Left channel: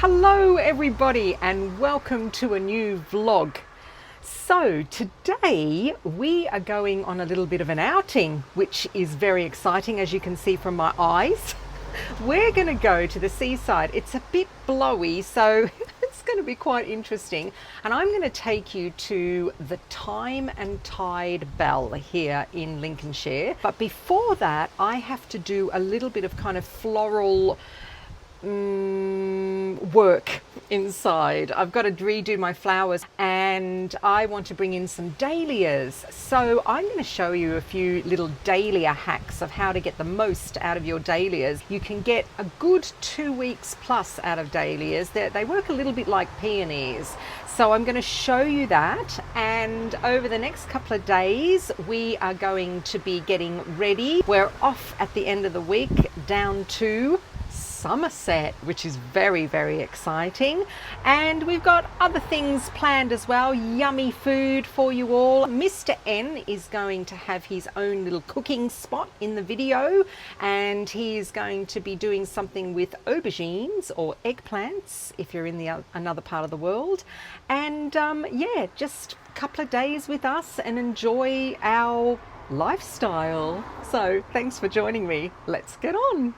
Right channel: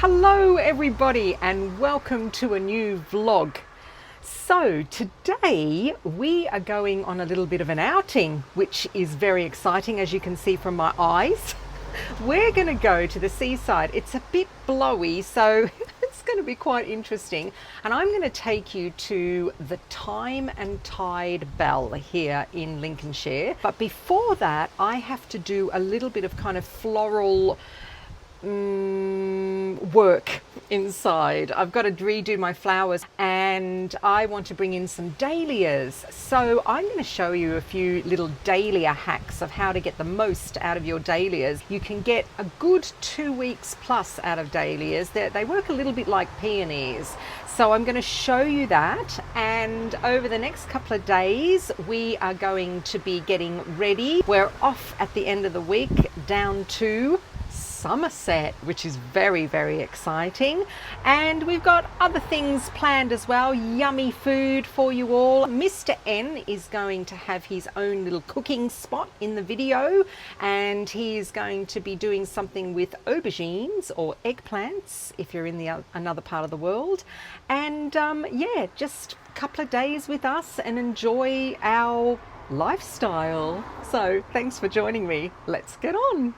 Hello everybody and welcome to a new vlog. So today we are going on a little bit of an outing, which is very exciting, as you can see from my eyes. We're going to go to the seaside. It's a bit blowy, so it's going to be quite interesting. And I'm going to take you to the Time and Tide Bell here in Lincolnshire. But before that, I have to do a little bit of kind of floral work inside. I've got to redo my flowers and I want to bring in some dahlias. So I'm going to show you a few little dahlia hacks of how to get the most out of your dahlias. You can get a good 2 weeks plus out of dahlias. They work a little bit like peonies. So I'm going to show you that, and over the next couple of days we are going to be getting ready. We're off at the end of the week down to Somerset, which is very, very exciting. And we've got other things planned as well, yummy food for you all. Mr. N is going to have his own little cooking spot in the video, and he is going to be doing something with aubergines or eggplants if you're in another part of the world. And yeah, just a couple of days with us and enjoy our lifestyle. So thanks for joining me. Let's get on.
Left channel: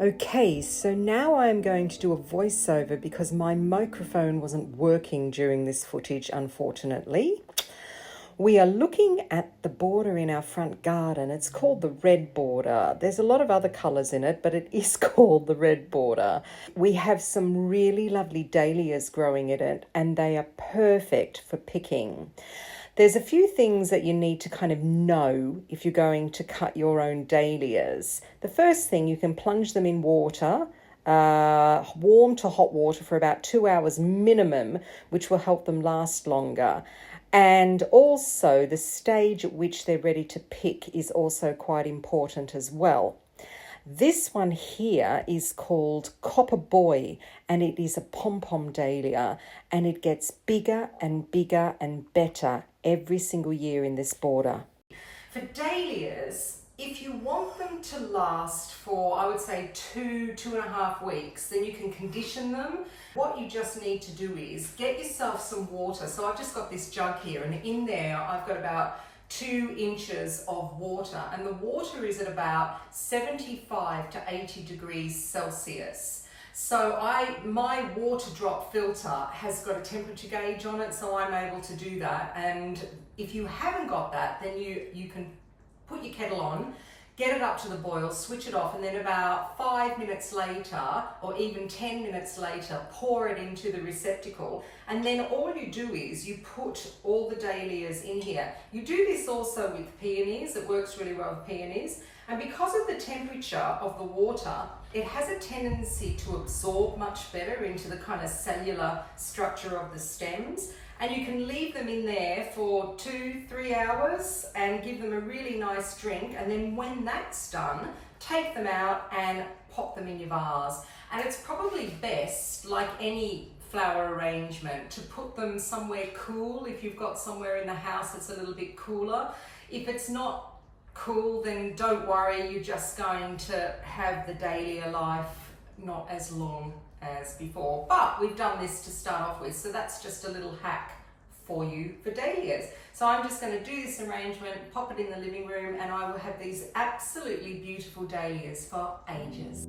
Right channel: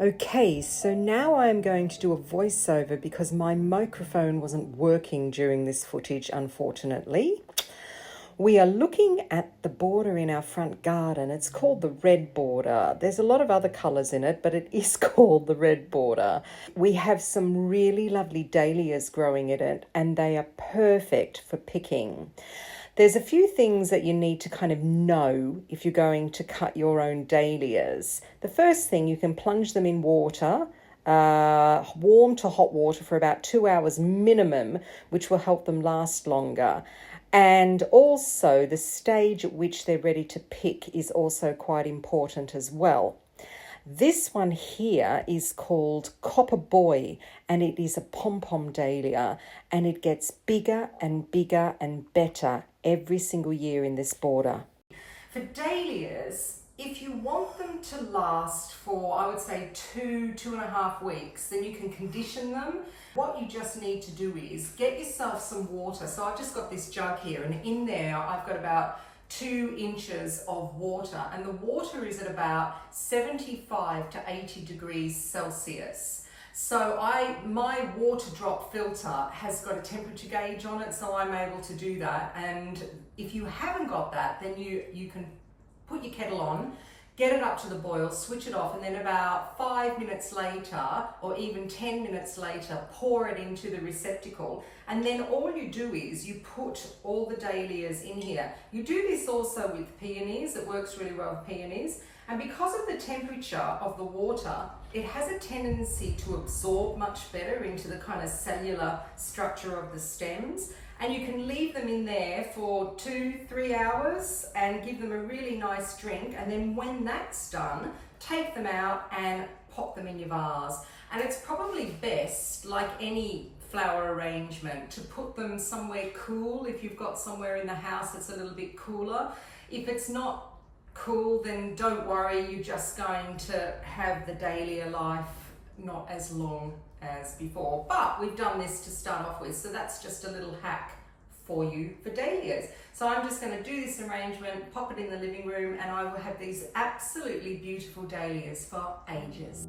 Okay, so now I'm going to do a voiceover because my microphone wasn't working during this footage, unfortunately. We are looking at the border in our front garden. It's called the red border. There's a lot of other colours in it, but it is called the red border. We have some really lovely dahlias growing in it, and they are perfect for picking. There's a few things that you need to kind of know if you're going to cut your own dahlias. The first thing, you can plunge them in water, warm to hot water for about 2 hours minimum, which will help them last longer. And also the stage at which they're ready to pick is also quite important as well. This one here is called Copper Boy, and it is a pom-pom dahlia, and it gets bigger and bigger and better every single year in this border. For dahlias, if you want them to last for, I would say, 2.5 weeks, then you can condition them. What you just need to do is get yourself some water. So I've just got this jug here, and in there I've got about 2 inches of water, and the water is at about 75 to 80 degrees Celsius. So my water drop filter has got a temperature gauge on it, so I'm able to do that. And if you haven't got that, then you can put your kettle on, get it up to the boil, switch it off, and then about 5 minutes later, or even 10 minutes later, pour it into the receptacle. And then all you do is you put all the dahlias in here. You do this also with peonies. It works really well with peonies. And because of the temperature of the water, it has a tendency to absorb much better into the kind of cellular structure of the stems. And you can leave them in there for 2-3 hours and give them a really nice drink. And then when that's done, take them out and pop them in your vase. And it's probably best, like any flower arrangement, to put them somewhere cool. If you've got somewhere in the house that's a little bit cooler. If it's not cool, then don't worry, you're just going to have the dahlia life not as long as before. But we've done this to start off with, so that's just a little hack for you for dahlias. So I'm just going to do this arrangement, pop it in the living room, and I will have these absolutely beautiful dahlias for ages.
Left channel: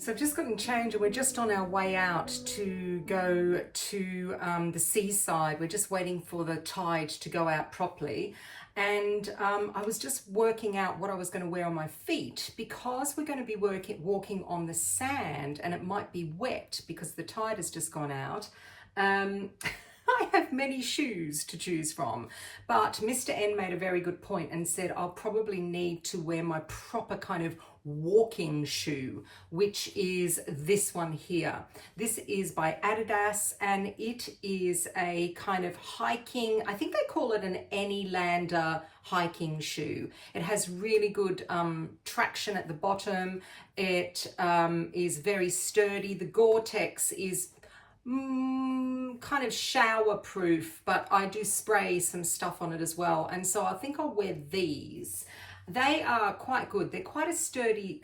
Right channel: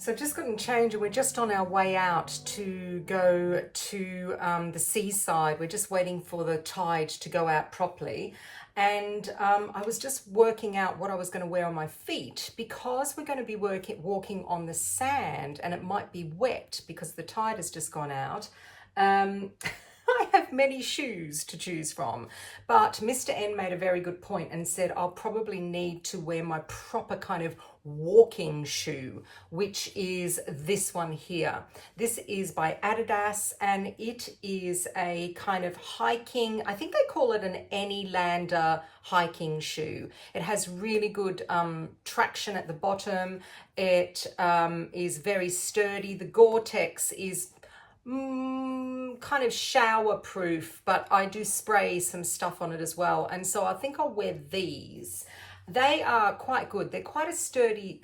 So I've just gotten changed and we're just on our way out to go to the seaside. We're just waiting for the tide to go out properly. And I was just working out what I was going to wear on my feet because we're going to be walking on the sand and it might be wet because the tide has just gone out. I have have many shoes to choose from. But Mr. N made a very good point and said, I'll probably need to wear my proper kind of walking shoe, which is this one here. This is by Adidas, and it is a kind of hiking, I think they call it an Anylander hiking shoe. It has really good traction at the bottom. It is very sturdy. The Gore-Tex is kind of shower proof, but I do spray some stuff on it as well, and so I think I'll wear these. They are quite good. They're quite a sturdy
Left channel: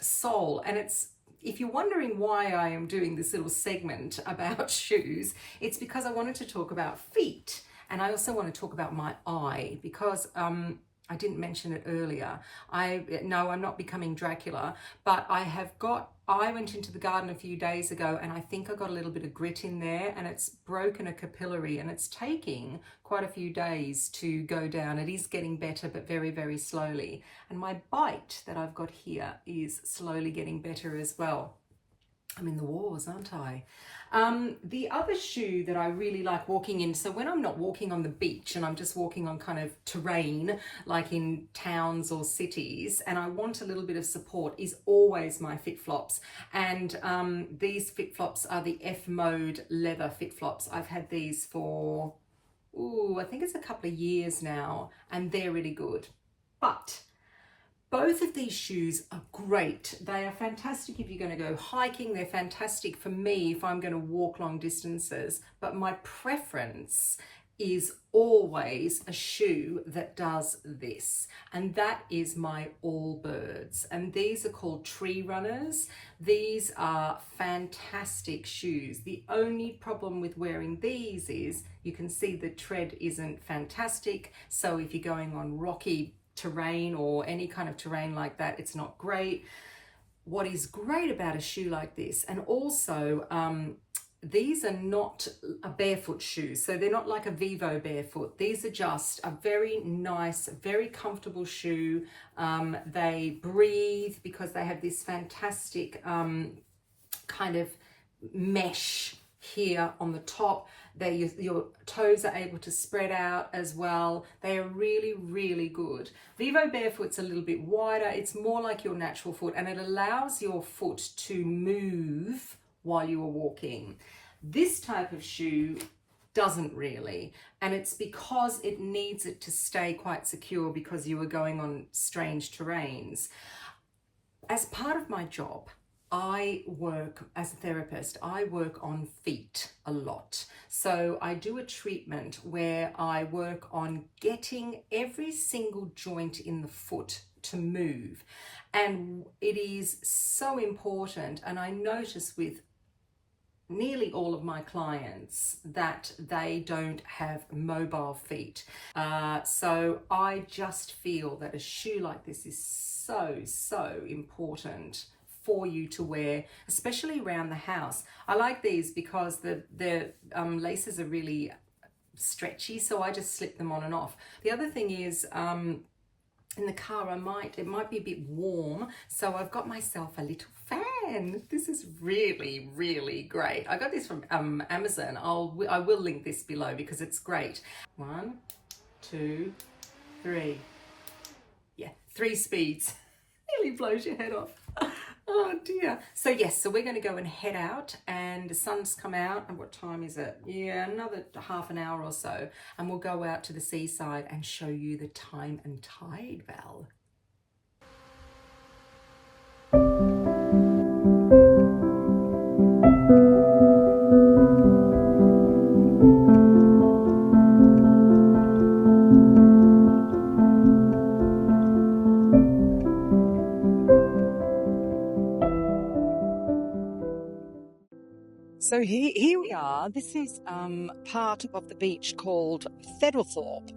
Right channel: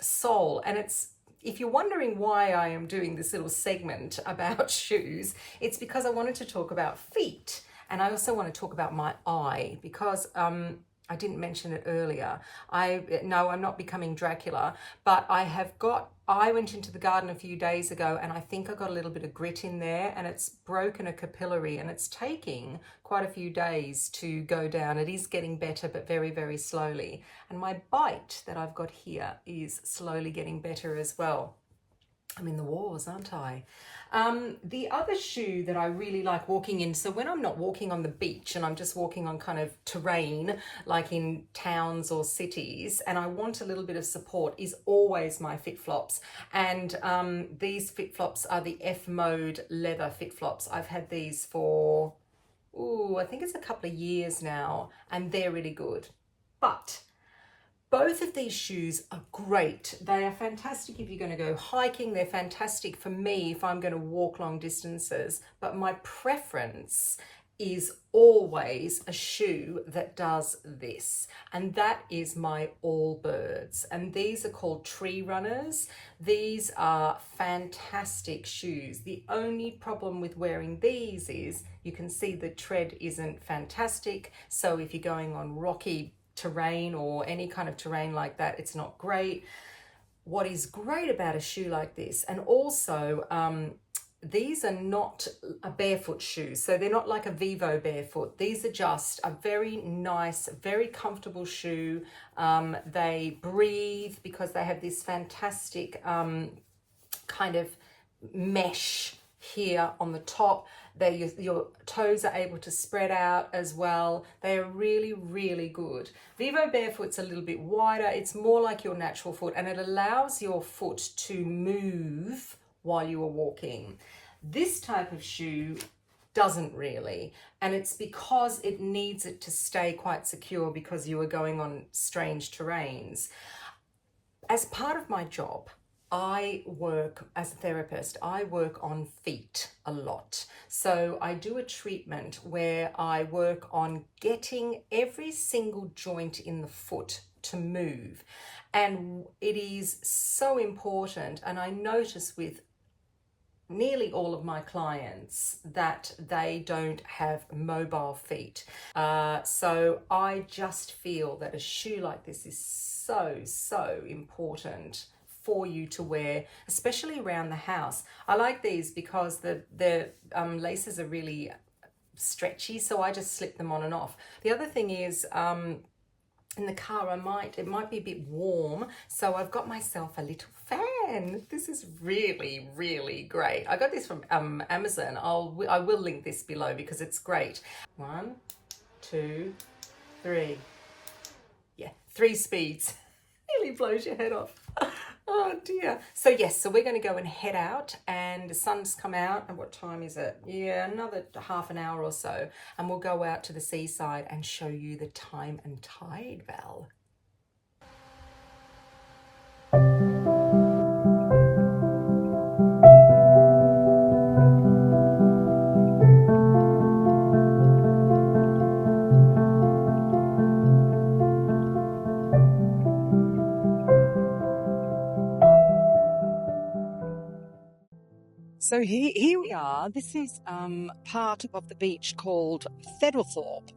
sole, and it's, if you're wondering why I am doing this little segment about shoes, it's because I wanted to talk about feet, and I also want to talk about my eye, because I didn't mention it earlier. No, I'm not becoming Dracula, but I went into the garden a few days ago, and I think I got a little bit of grit in there, and it's broken a capillary, and it's taking quite a few days to go down. It is getting better, but very, very slowly. And my bite that I've got here is slowly getting better as well. I'm in the wars, aren't I? The other shoe that I really like walking in, so when I'm not walking on the beach and I'm just walking on kind of terrain, like in towns or cities, and I want a little bit of support, is always my FitFlops. And these FitFlops are the F Mode leather FitFlops. I've had these for, I think it's a couple of years now, and they're really good. But both of these shoes are great. They are fantastic if you're going to go hiking. They're fantastic for me if I'm going to walk long distances. But my preference is always a shoe that does this. And that is my Allbirds. And these are called Tree Runners. These are fantastic shoes. The only problem with wearing these is you can see the tread isn't fantastic. So if you're going on rocky terrain or any kind of terrain like that, it's not great. What is great about a shoe like this, and also these are not a barefoot shoe, so they're not like a Vivo barefoot. These are just a very nice, very comfortable shoe. They breathe because they have this fantastic kind of mesh here on the top. Your toes are able to spread out as well. They are really, really good. Vivo Barefoot's a little bit wider. It's more like your natural foot, and it allows your foot to move while you are walking. This type of shoe doesn't really, and it's because it needs it to stay quite secure because you are going on strange terrains. As part of my job, I work as a therapist. I work on feet a lot. So I do a treatment where I work on getting every single joint in the foot to move. And it is so important. And I notice with nearly all of my clients that they don't have mobile feet. So I just feel that a shoe like this is so important for you to wear, especially around the house. I like these because the laces are really stretchy, so I just slip them on and off. The other thing is, in the car, it might be a bit warm, so I've got myself a little fan. This is really, really great. I got this from Amazon. I will link this below because it's great. 1, 2, 3. Yeah, 3 speeds. Nearly blows your head off. Oh dear. So yes, so we're going to go and head out, and the sun's come out, and what time is it? Yeah, another half an hour or so, and we'll go out to the seaside and show you the time and tide, Val. So here we are. This is part of the beach called Thedlethorpe.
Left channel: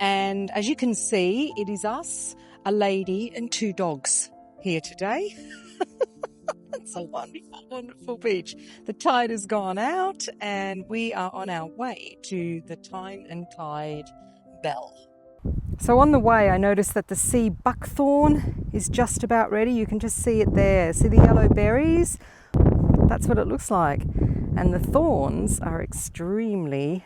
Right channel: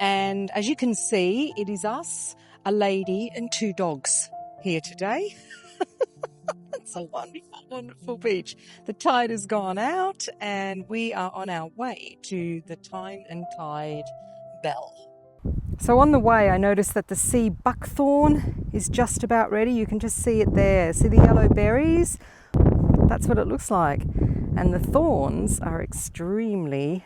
And as you can see, it is us, a lady and 2 dogs here today. It's a wonderful, wonderful beach. The tide has gone out and we are on our way to the time and tide bell. So on the way, I noticed that the sea buckthorn is just about ready. You can just see it there. See the yellow berries? That's what it looks like. And the thorns are extremely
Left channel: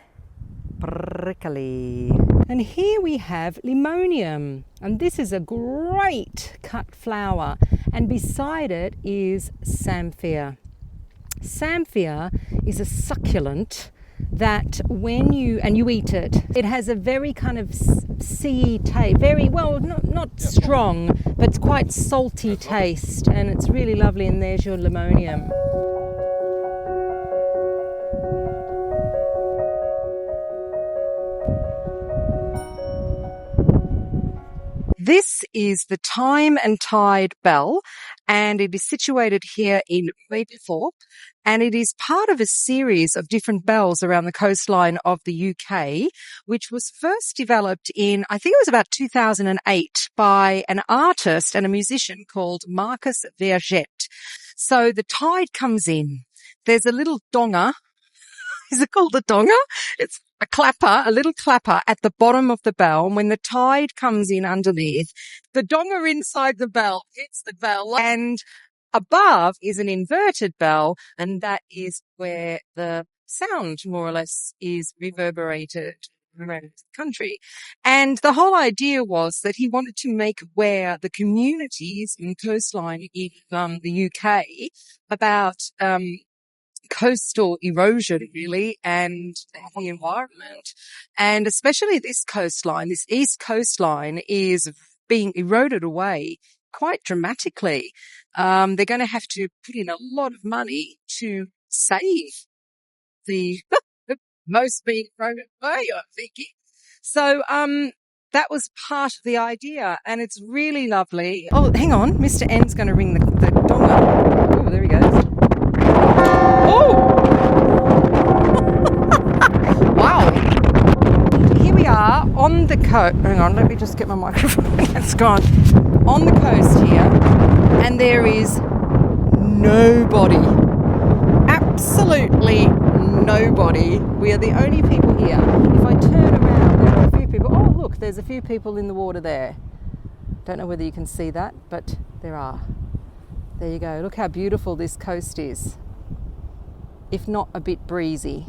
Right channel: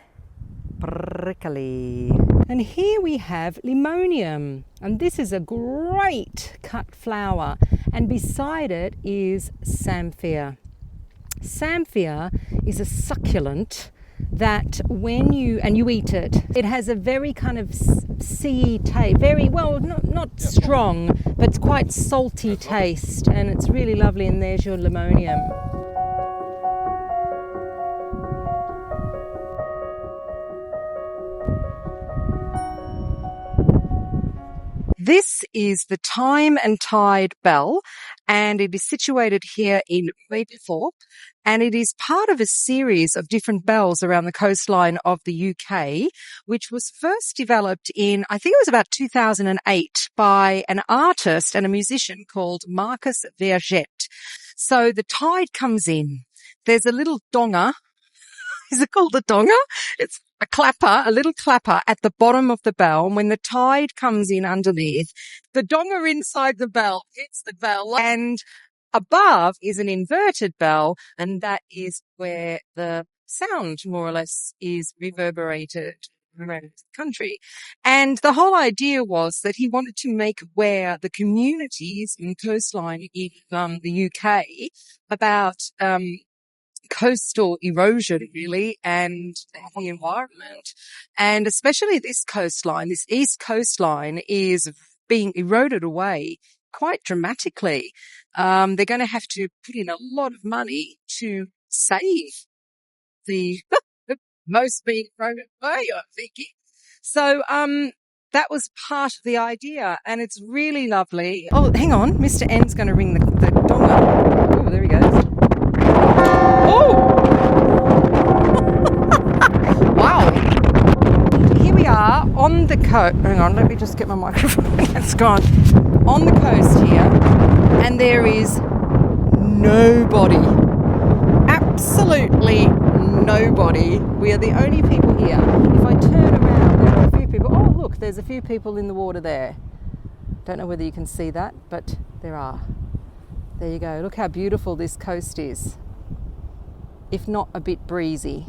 𝑭𝒆𝒂𝒕𝒖𝒓𝒆💄. And here we have limonium, and this is a great cut flower, and beside it is samphire. Samphire is a succulent that when you eat it, it has a very kind of sea taste, very well, not strong, but quite salty taste, and it's really lovely. And there's your limonium. This is the Time and Tide bell, and it is situated here in 𝑽𝒊𝒅𝒆𝒅, and it is part of a series of different bells around the coastline of the UK, which was first developed in, I think it was about 2008, by an artist and a musician called 𝑑𝒉𝒂𝒕𝒖𝒓𝒆𝒅. So the tide comes in. There's a little donga. Is it called a donga? It's a clapper, a little clapper at the bottom of the bell. And when the tide comes in underneath, the donga inside the bell hits the bell, and above is an inverted bell, and that is where the sound, more or less, is reverberated around the country. And the whole idea was that he wanted to make aware the communities in coastline in the UK about coastal erosion, really, and the environment. And especially this coastline, this east coastline, is being eroded away quite dramatically. They're going to have to put in a lot of money to save the most being eroded away, I'm thinking. So that was part of the idea, and it's really lovely. Oh, hang on, Mr. N's going to ring the donga. Oh, there he goes. Oh! Wow. Here we are on the coast. Hang on, let me just get my microphone. It's gone. On the coast here, and there is nobody. Absolutely nobody. We are the only people here. If I turn around, there are a few people. Oh, look, there's a few people in the water there. Don't know whether you can see that, but there are. There you go. Look how beautiful this coast is, if not a bit breezy.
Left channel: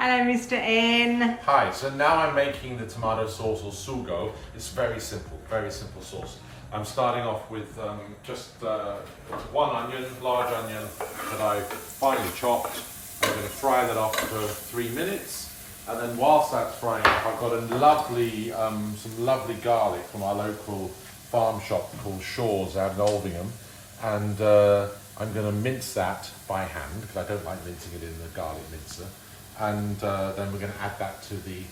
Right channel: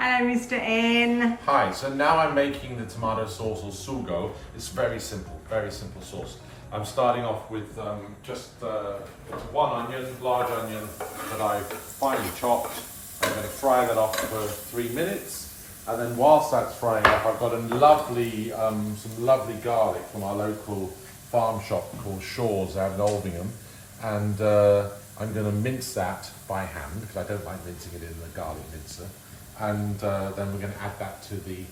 Hello, Mr. N. Hi, so now I'm making the tomato sauce or sugo. It's very simple sauce. I'm starting off with just one onion, large onion that I've finely chopped. I'm going to fry that off for 3 minutes, and then whilst that's frying off, I've got a lovely, some lovely garlic from our local farm shop called Shaw's out in Aubergine, and I'm going to mince that by hand because I don't like mincing it in the garlic mincer. And then we're going to add that to the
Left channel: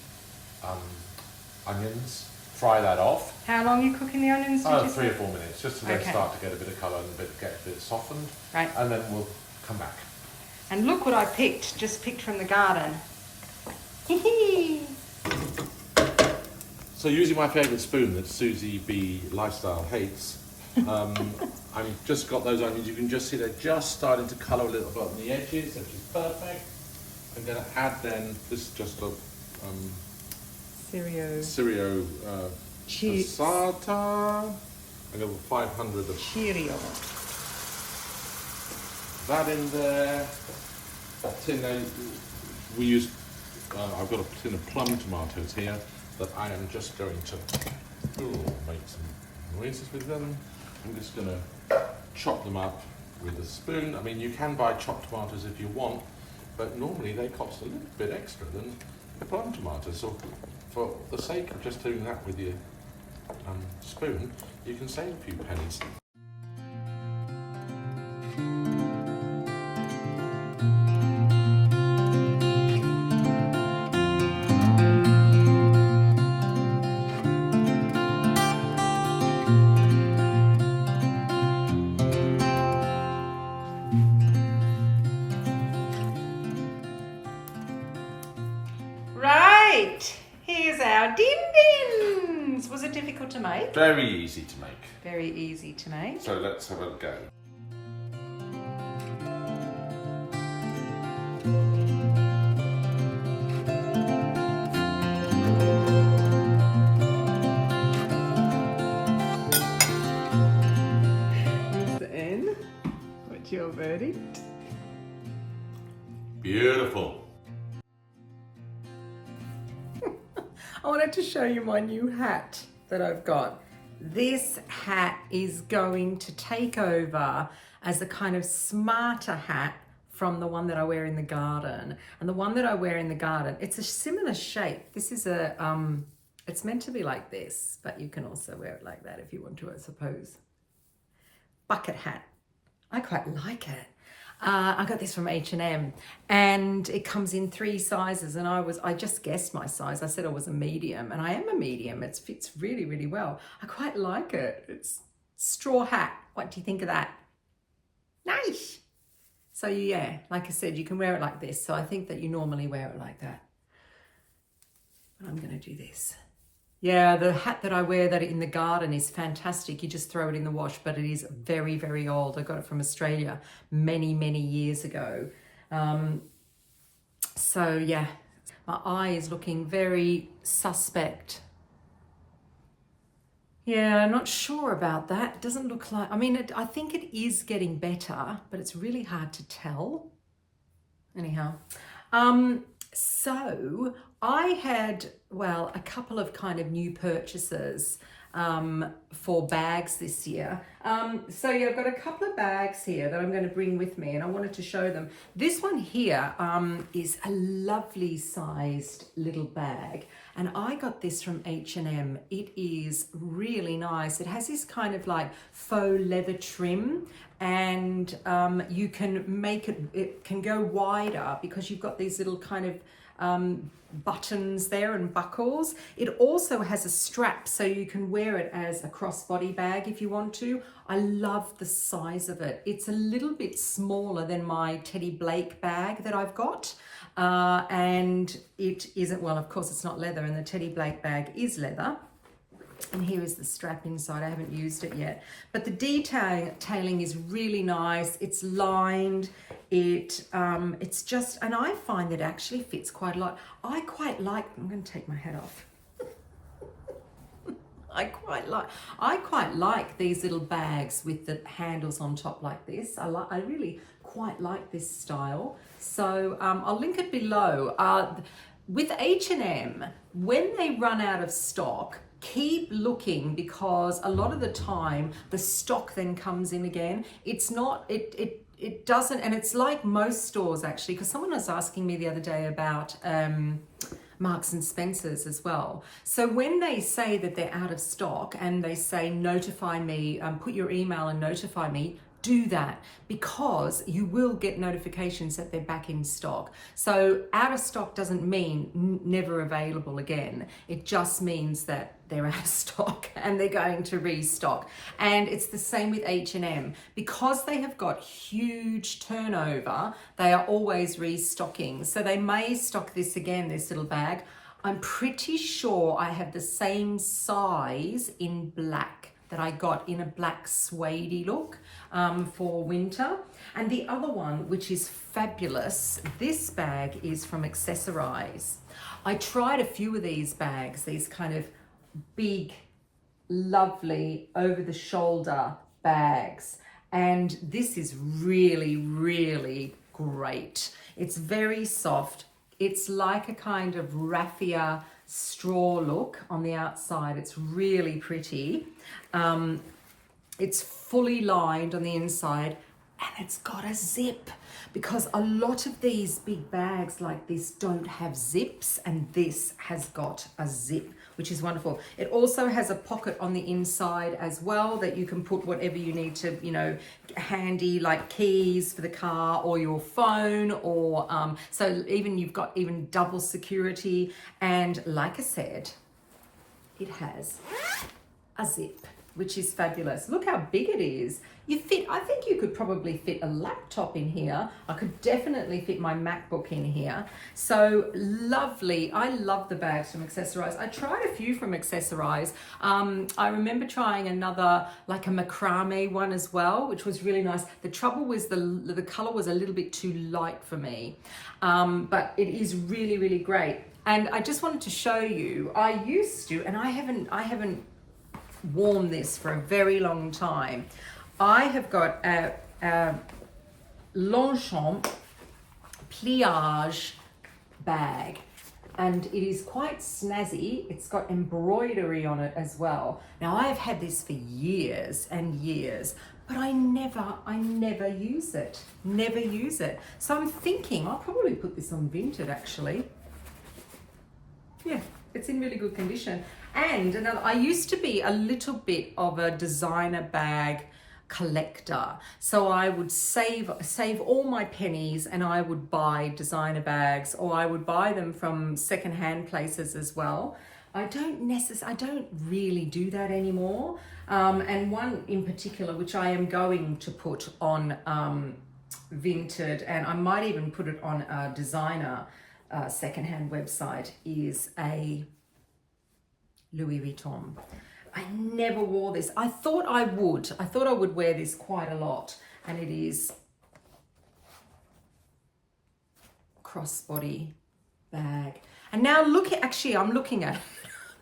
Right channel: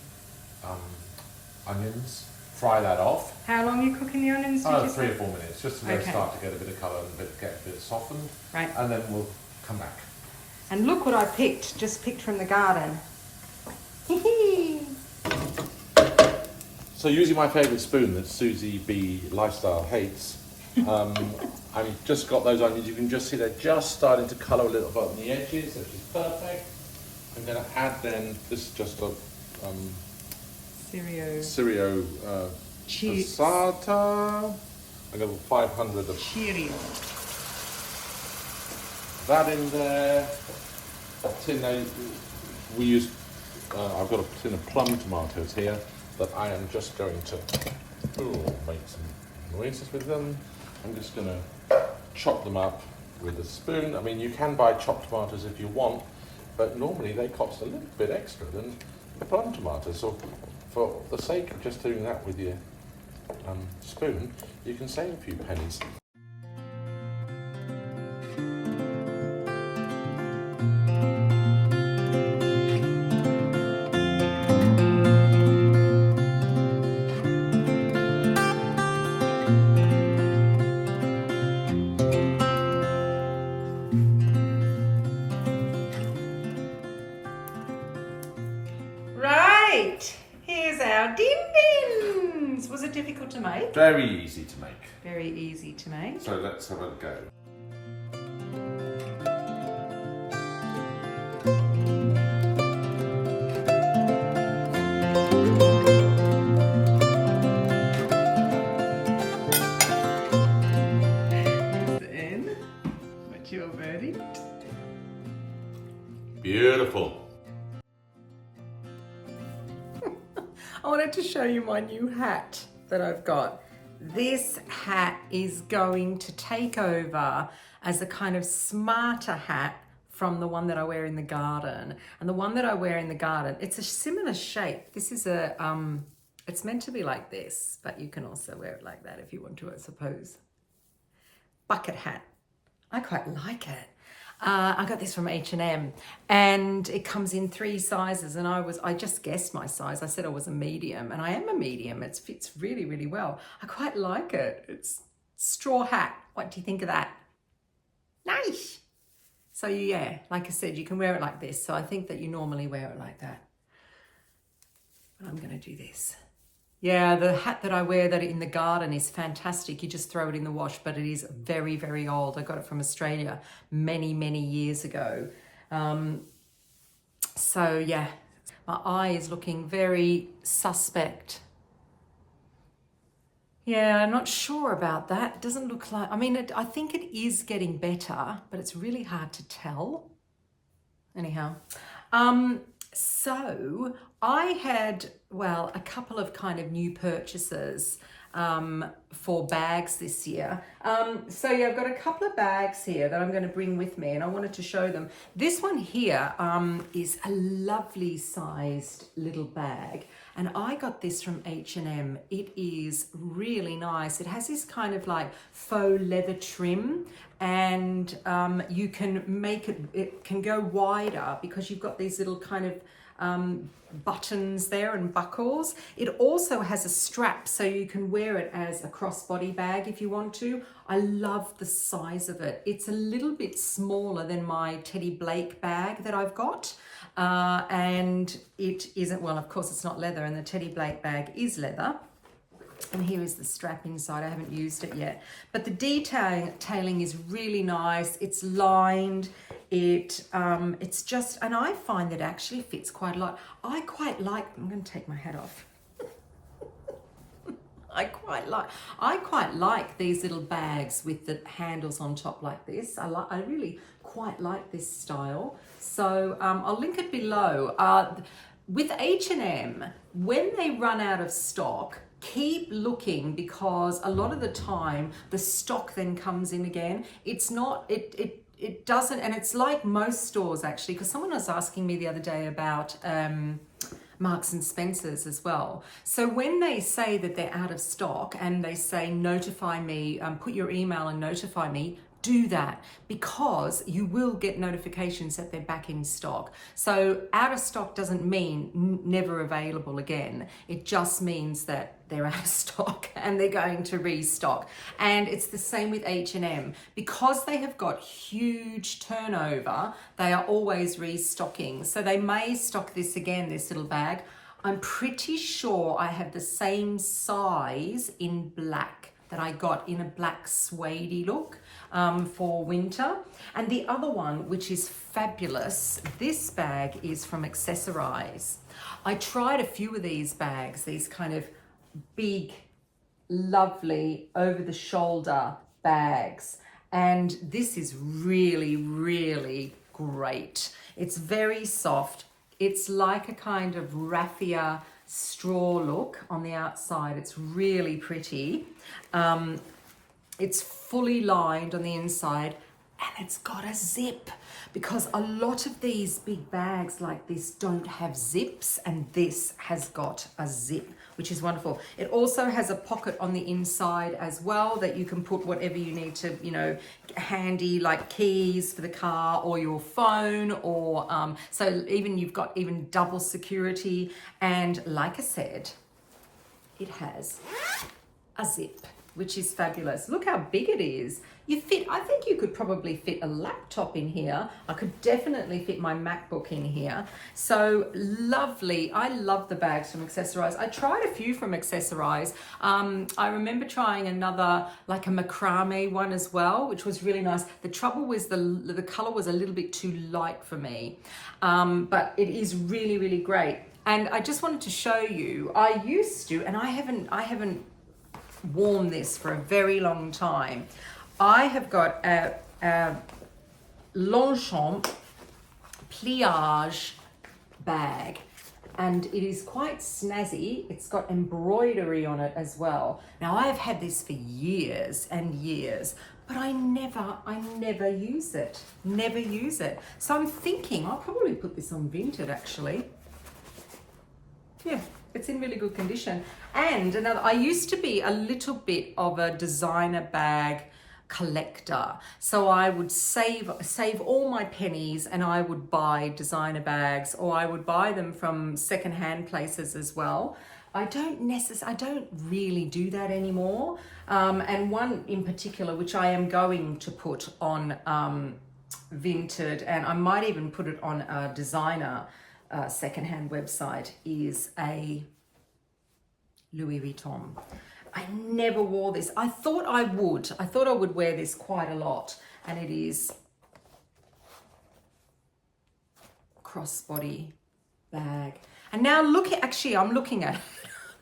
onions, fry that off. How long are you cooking the onions? 3 or 4 minutes, just to they start to get a bit of colour and get a bit softened. Right. And then we'll come back. And look what I picked, just picked from the garden. So using my favourite spoon that Susie B Lifestyle hates, I've just got those onions. You can just see they're just starting to colour a little bit on the edges, which is perfect. I'm going to add then, this is just a 𝑶𝑷𝑬𝑵 passata. I got 500 of 𝑐𝑔𝑷𝑬𝑵. that in there. A tin, we use, I've got a tin of plum tomatoes here that I am just going to make some noises with them. I'm just going to chop them up with a spoon. I mean, you can buy chopped tomatoes if you want, but normally they cost a little bit extra than the plum tomatoes. So for the sake of just doing that with your spoon, you can save a few pennies. Right, here's our din dins. Was it difficult to make? Very easy to make. Very easy to make. So let's have a go. Then, what's your verdict? Beautiful. I wanted to show you my new hat that I've got. This hat is going to take over as a kind of smarter hat from the one that I wear in the garden. And the one that I wear in the garden, it's a similar shape. This is a, it's meant to be like this, but you can also wear it like that if you want to, I suppose. Bucket hat. I quite like it. I got this from H&M and it comes in 3 sizes, and I just guessed my size. I said I was a medium, and I am a medium. It fits really, really well. I quite like it. It's straw hat. What do you think of that? Nice. So yeah, like I said, you can wear it like this. So I think that you normally wear it like that. But I'm going to do this. Yeah, the hat that I wear that in the garden is fantastic. You just throw it in the wash, but it is very, very old. I got it from Australia many, many years ago. So yeah, my eye is looking very suspect. Yeah, I'm not sure about that. It doesn't look like, I mean, I think it is getting better, but it's really hard to tell. Anyhow, so I had, well, a couple of kind of new purchases for bags this year. So yeah, I've got a couple of bags here that I'm going to bring with me, and I wanted to show them. This one here is a lovely sized little bag, and I got this from H&M. It is really nice. It has this kind of like faux leather trim, and you can make it, it can go wider because you've got these little kind of buttons there and buckles. It also has a strap, so you can wear it as a crossbody bag if you want to. I love the size of it. It's a little bit smaller than my Teddy Blake bag that I've got, and it isn't, well, of course it's not leather, and the Teddy Blake bag is leather. And here is the strap inside. I haven't used it yet, but the detailing is really nice. It's lined. It's just, and I find that it actually fits quite a lot. I quite like, I'm going to take my hat off. I quite like these little bags with the handles on top like this. I really quite like this style. So I'll link it below. With H&M, when they run out of stock, keep looking, because a lot of the time the stock then comes in again. It's not, it doesn't, and it's like most stores actually, because someone was asking me the other day about Marks and Spencer's as well. So when they say that they're out of stock and they say notify me, put your email and notify me, do that, because you will get notifications that they're back in stock. So out of stock doesn't mean never available again. It just means that they're out of stock and they're going to restock. And it's the same with H&M. Because they have got huge turnover, they are always restocking. So they may stock this again, this little bag. I'm pretty sure I have the same size in black that I got in a black suede look for winter. And the other one, which is fabulous, this bag is from Accessorize. I tried a few of these bags, these kind of big, lovely, over-the-shoulder bags. And this is really, really great. It's very soft. It's like a kind of raffia straw look on the outside. It's really pretty. It's fully lined on the inside, and it's got a zip, because a lot of these big bags like this don't have zips, and this has got a zip, which is wonderful. It also has a pocket on the inside as well that you can put whatever you need to, you know, handy, like keys for the car or your phone, or so even you've got even double security. And like I said, it has a zip. which is fabulous. Look how big it is. I think you could probably fit a laptop in here. I could definitely fit my MacBook in here. So lovely. I love the bags from Accessorize. I tried a few from Accessorize. I remember trying another, like a macrame one as well, which was really nice. The trouble was the color was a little bit too light for me, but it is really, really great. And I just wanted to show you, I used to, and I haven't worn this for a very long time. I have got a Longchamp pliage bag, and it is quite snazzy. It's got embroidery on it as well. Now I have had this for years and years, but I never use it. Never use it. So I'm thinking I'll probably put this on Vinted actually. Yeah, it's in really good condition. And another, I used to be a little bit of a designer bag collector. So I would save all my pennies and I would buy designer bags, or I would buy them from secondhand places as well. I don't really do that anymore. And one in particular, which I am going to put on Vinted, and I might even put it on a designer secondhand website, is a Louis Vuitton. I never wore this. I thought I would wear this quite a lot, and it is crossbody bag. And now I'm looking at it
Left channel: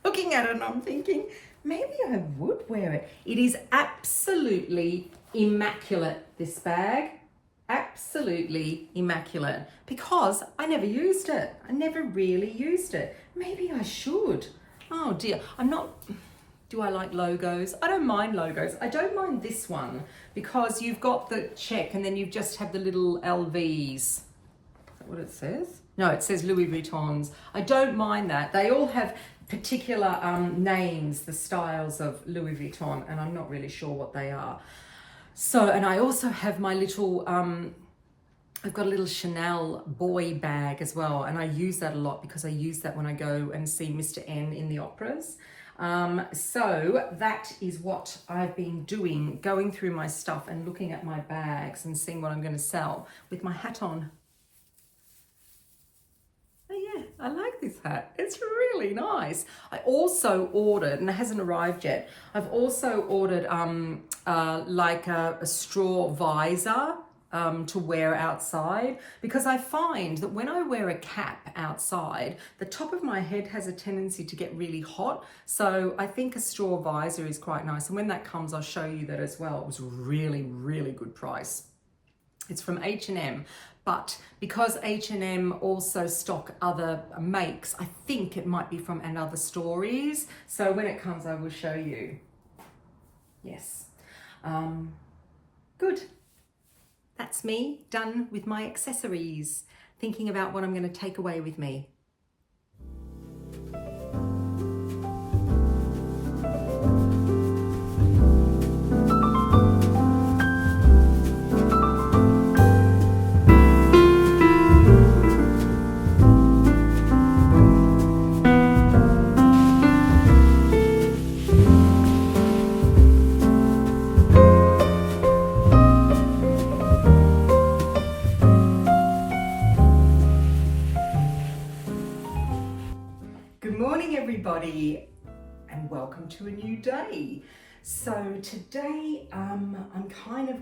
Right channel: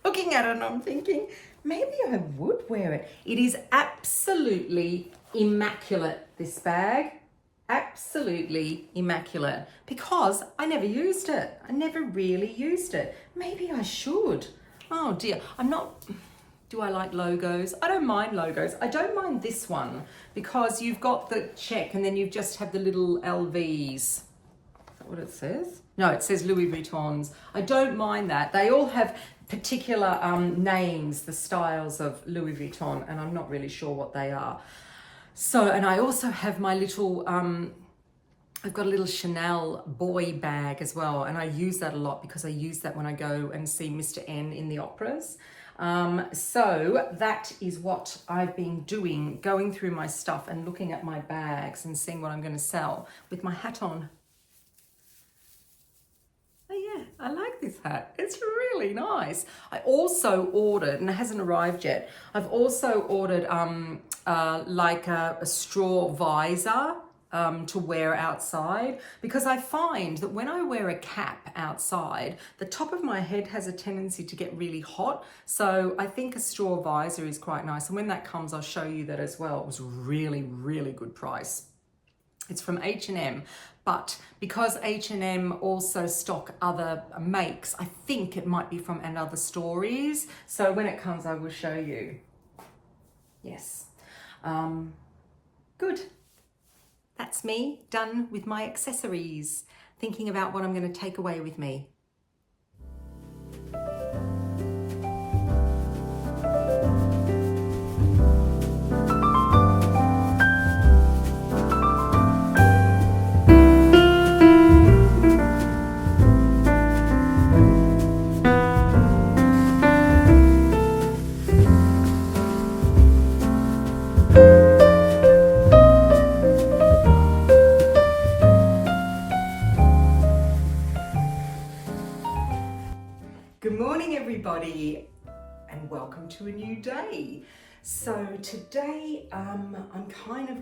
and I'm thinking maybe I would wear it. It is absolutely immaculate, this bag. Absolutely immaculate, because I never used it. I never really used it. Maybe I should. Oh dear, do I like logos? I don't mind logos. I don't mind this one because you've got the check and then you just have the little LVs. Is that what it says? No, it says Louis Vuittons. I don't mind that. They all have particular names, the styles of Louis Vuitton, and I'm not really sure what they are. So, and I also have my little, I've got a little Chanel boy bag as well, and I use that a lot because I use that when I go and see Mr. N in the operas. So that is what I've been doing, going through my stuff and looking at my bags and seeing what I'm going to sell with my hat on. Oh yeah, I like this hat. It's really nice. I also ordered, and it hasn't arrived yet, I've also ordered like a straw visor to wear outside, because I find that when I wear a cap outside, the top of my head has a tendency to get really hot. So I think a straw visor is quite nice. And when that comes, I'll show you that as well. It was really, really good price. It's from H&M, but because H&M also stock other makes, I think it might be from Another Stories. So when it comes, I will show you. Yes. Good. That's me done with my accessories, thinking about what I'm going to take away with me. Everybody, and welcome to a new day. So today I'm kind of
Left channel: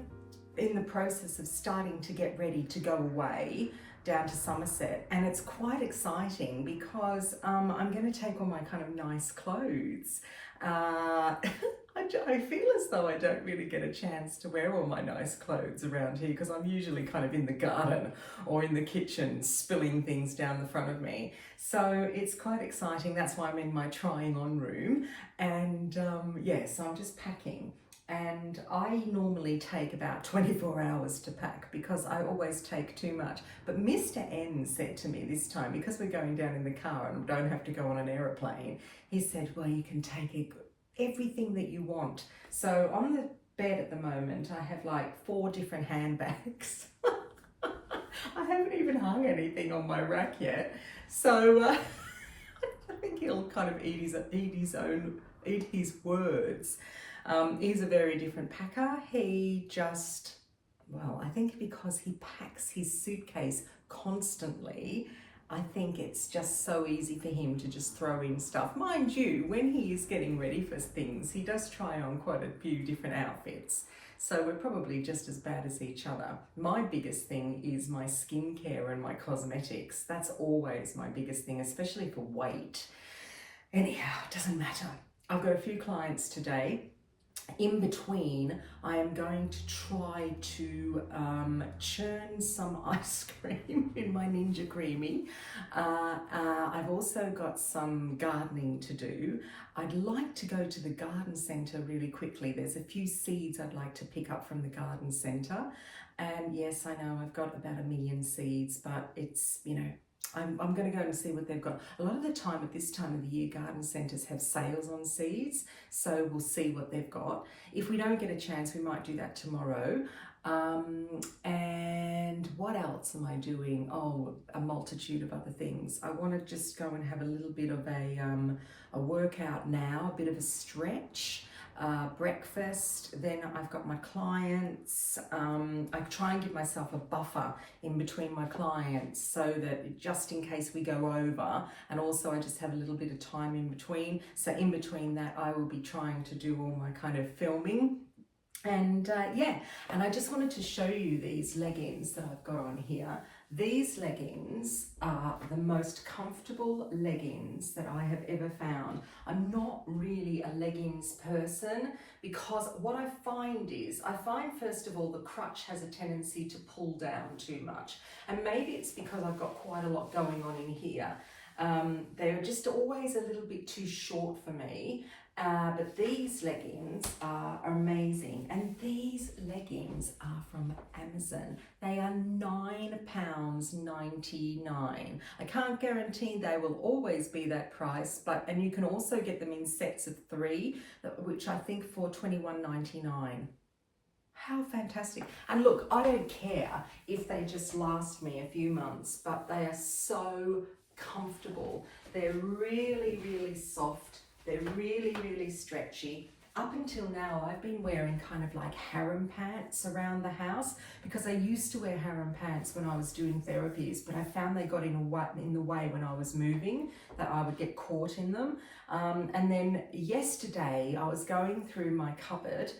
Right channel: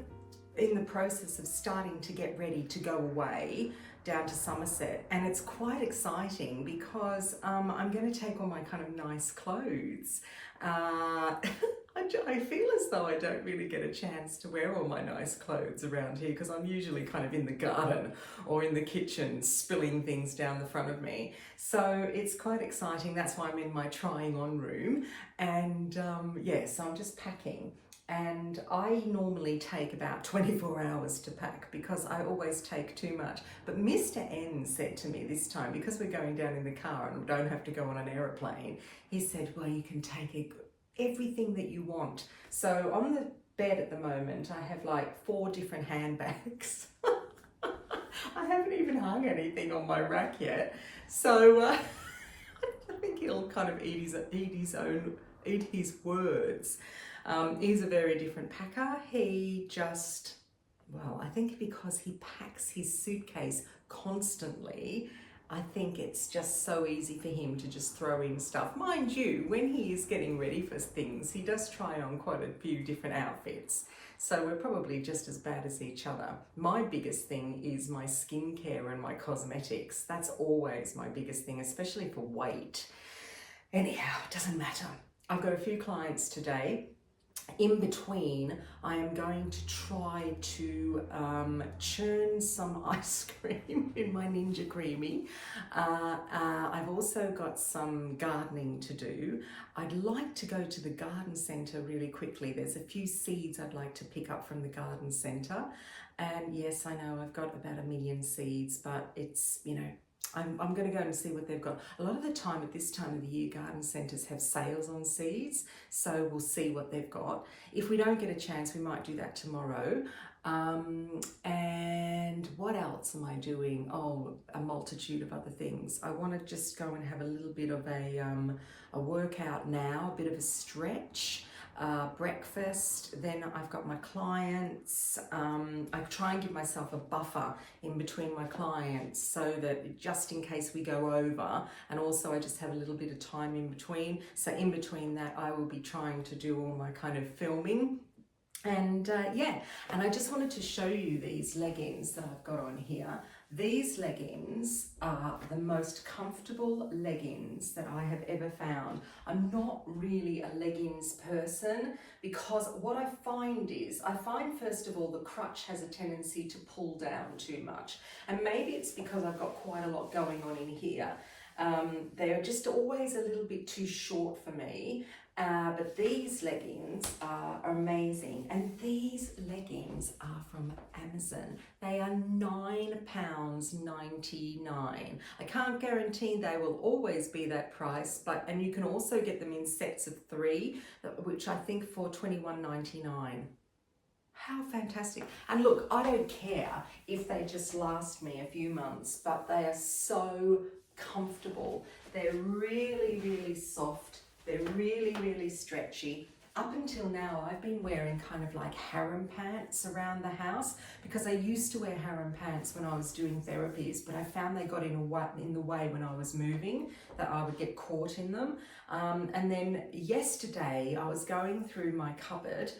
in the process of starting to get ready to go away down to Somerset, and it's quite exciting because I'm going to take all my kind of nice clothes. I feel as though I don't really get a chance to wear all my nice clothes around here because I'm usually kind of in the garden or in the kitchen spilling things down the front of me. So it's quite exciting. That's why I'm in my trying on room, and yeah, so I'm just packing. And I normally take about 24 hours to pack because I always take too much. But Mr. N said to me this time, because we're going down in the car and don't have to go on an aeroplane, he said, well, you can take everything that you want. So on the bed at the moment, I have like 4 different handbags. I haven't even hung anything on my rack yet. So I think he'll kind of eat his words. He's a very different packer. He just, well, I think because he packs his suitcase constantly, I think it's just so easy for him to just throw in stuff. Mind you, when he is getting ready for things, he does try on quite a few different outfits. So we're probably just as bad as each other. My biggest thing is my skincare and my cosmetics. That's always my biggest thing, especially for weight. Anyhow, it doesn't matter. I've got a few clients today. In between, I am going to try to churn some ice cream in my Ninja Creami. I've also got some gardening to do. I'd like to go to the garden centre really quickly. There's a few seeds I'd like to pick up from the garden centre. And yes, I know I've got about 1 million seeds, but it's, you know, I'm going to go and see what they've got. A lot of the time at this time of the year, garden centres have sales on seeds, so we'll see what they've got. If we don't get a chance, we might do that tomorrow. And what else am I doing? Oh, a multitude of other things. I want to just go and have a little bit of a workout now, a bit of a stretch. Breakfast, then I've got my clients. I try and give myself a buffer in between my clients so that just in case we go over, and also I just have a little bit of time in between. So in between that, I will be trying to do all my kind of filming. And yeah, and I just wanted to show you these leggings that I've got on here. These leggings are the most comfortable leggings that I have ever found. I'm not really a leggings person because what I find first of all, the crutch has a tendency to pull down too much. And maybe it's because I've got quite a lot going on in here. They're just always a little bit too short for me. But these leggings are amazing, and these leggings are from Amazon. They are £9.99. I can't guarantee they will always be that price, and you can also get them in sets of 3, which I think for £21.99. How fantastic. And look, I don't care if they just last me a few months, but they are so comfortable. They're really, really soft. They're really, really stretchy. Up until now, I've been wearing kind of like harem pants around the house because I used to wear harem pants when I was doing therapies, but I found they got in the way when I was moving, that I would get caught in them. And then yesterday, I was going through my cupboard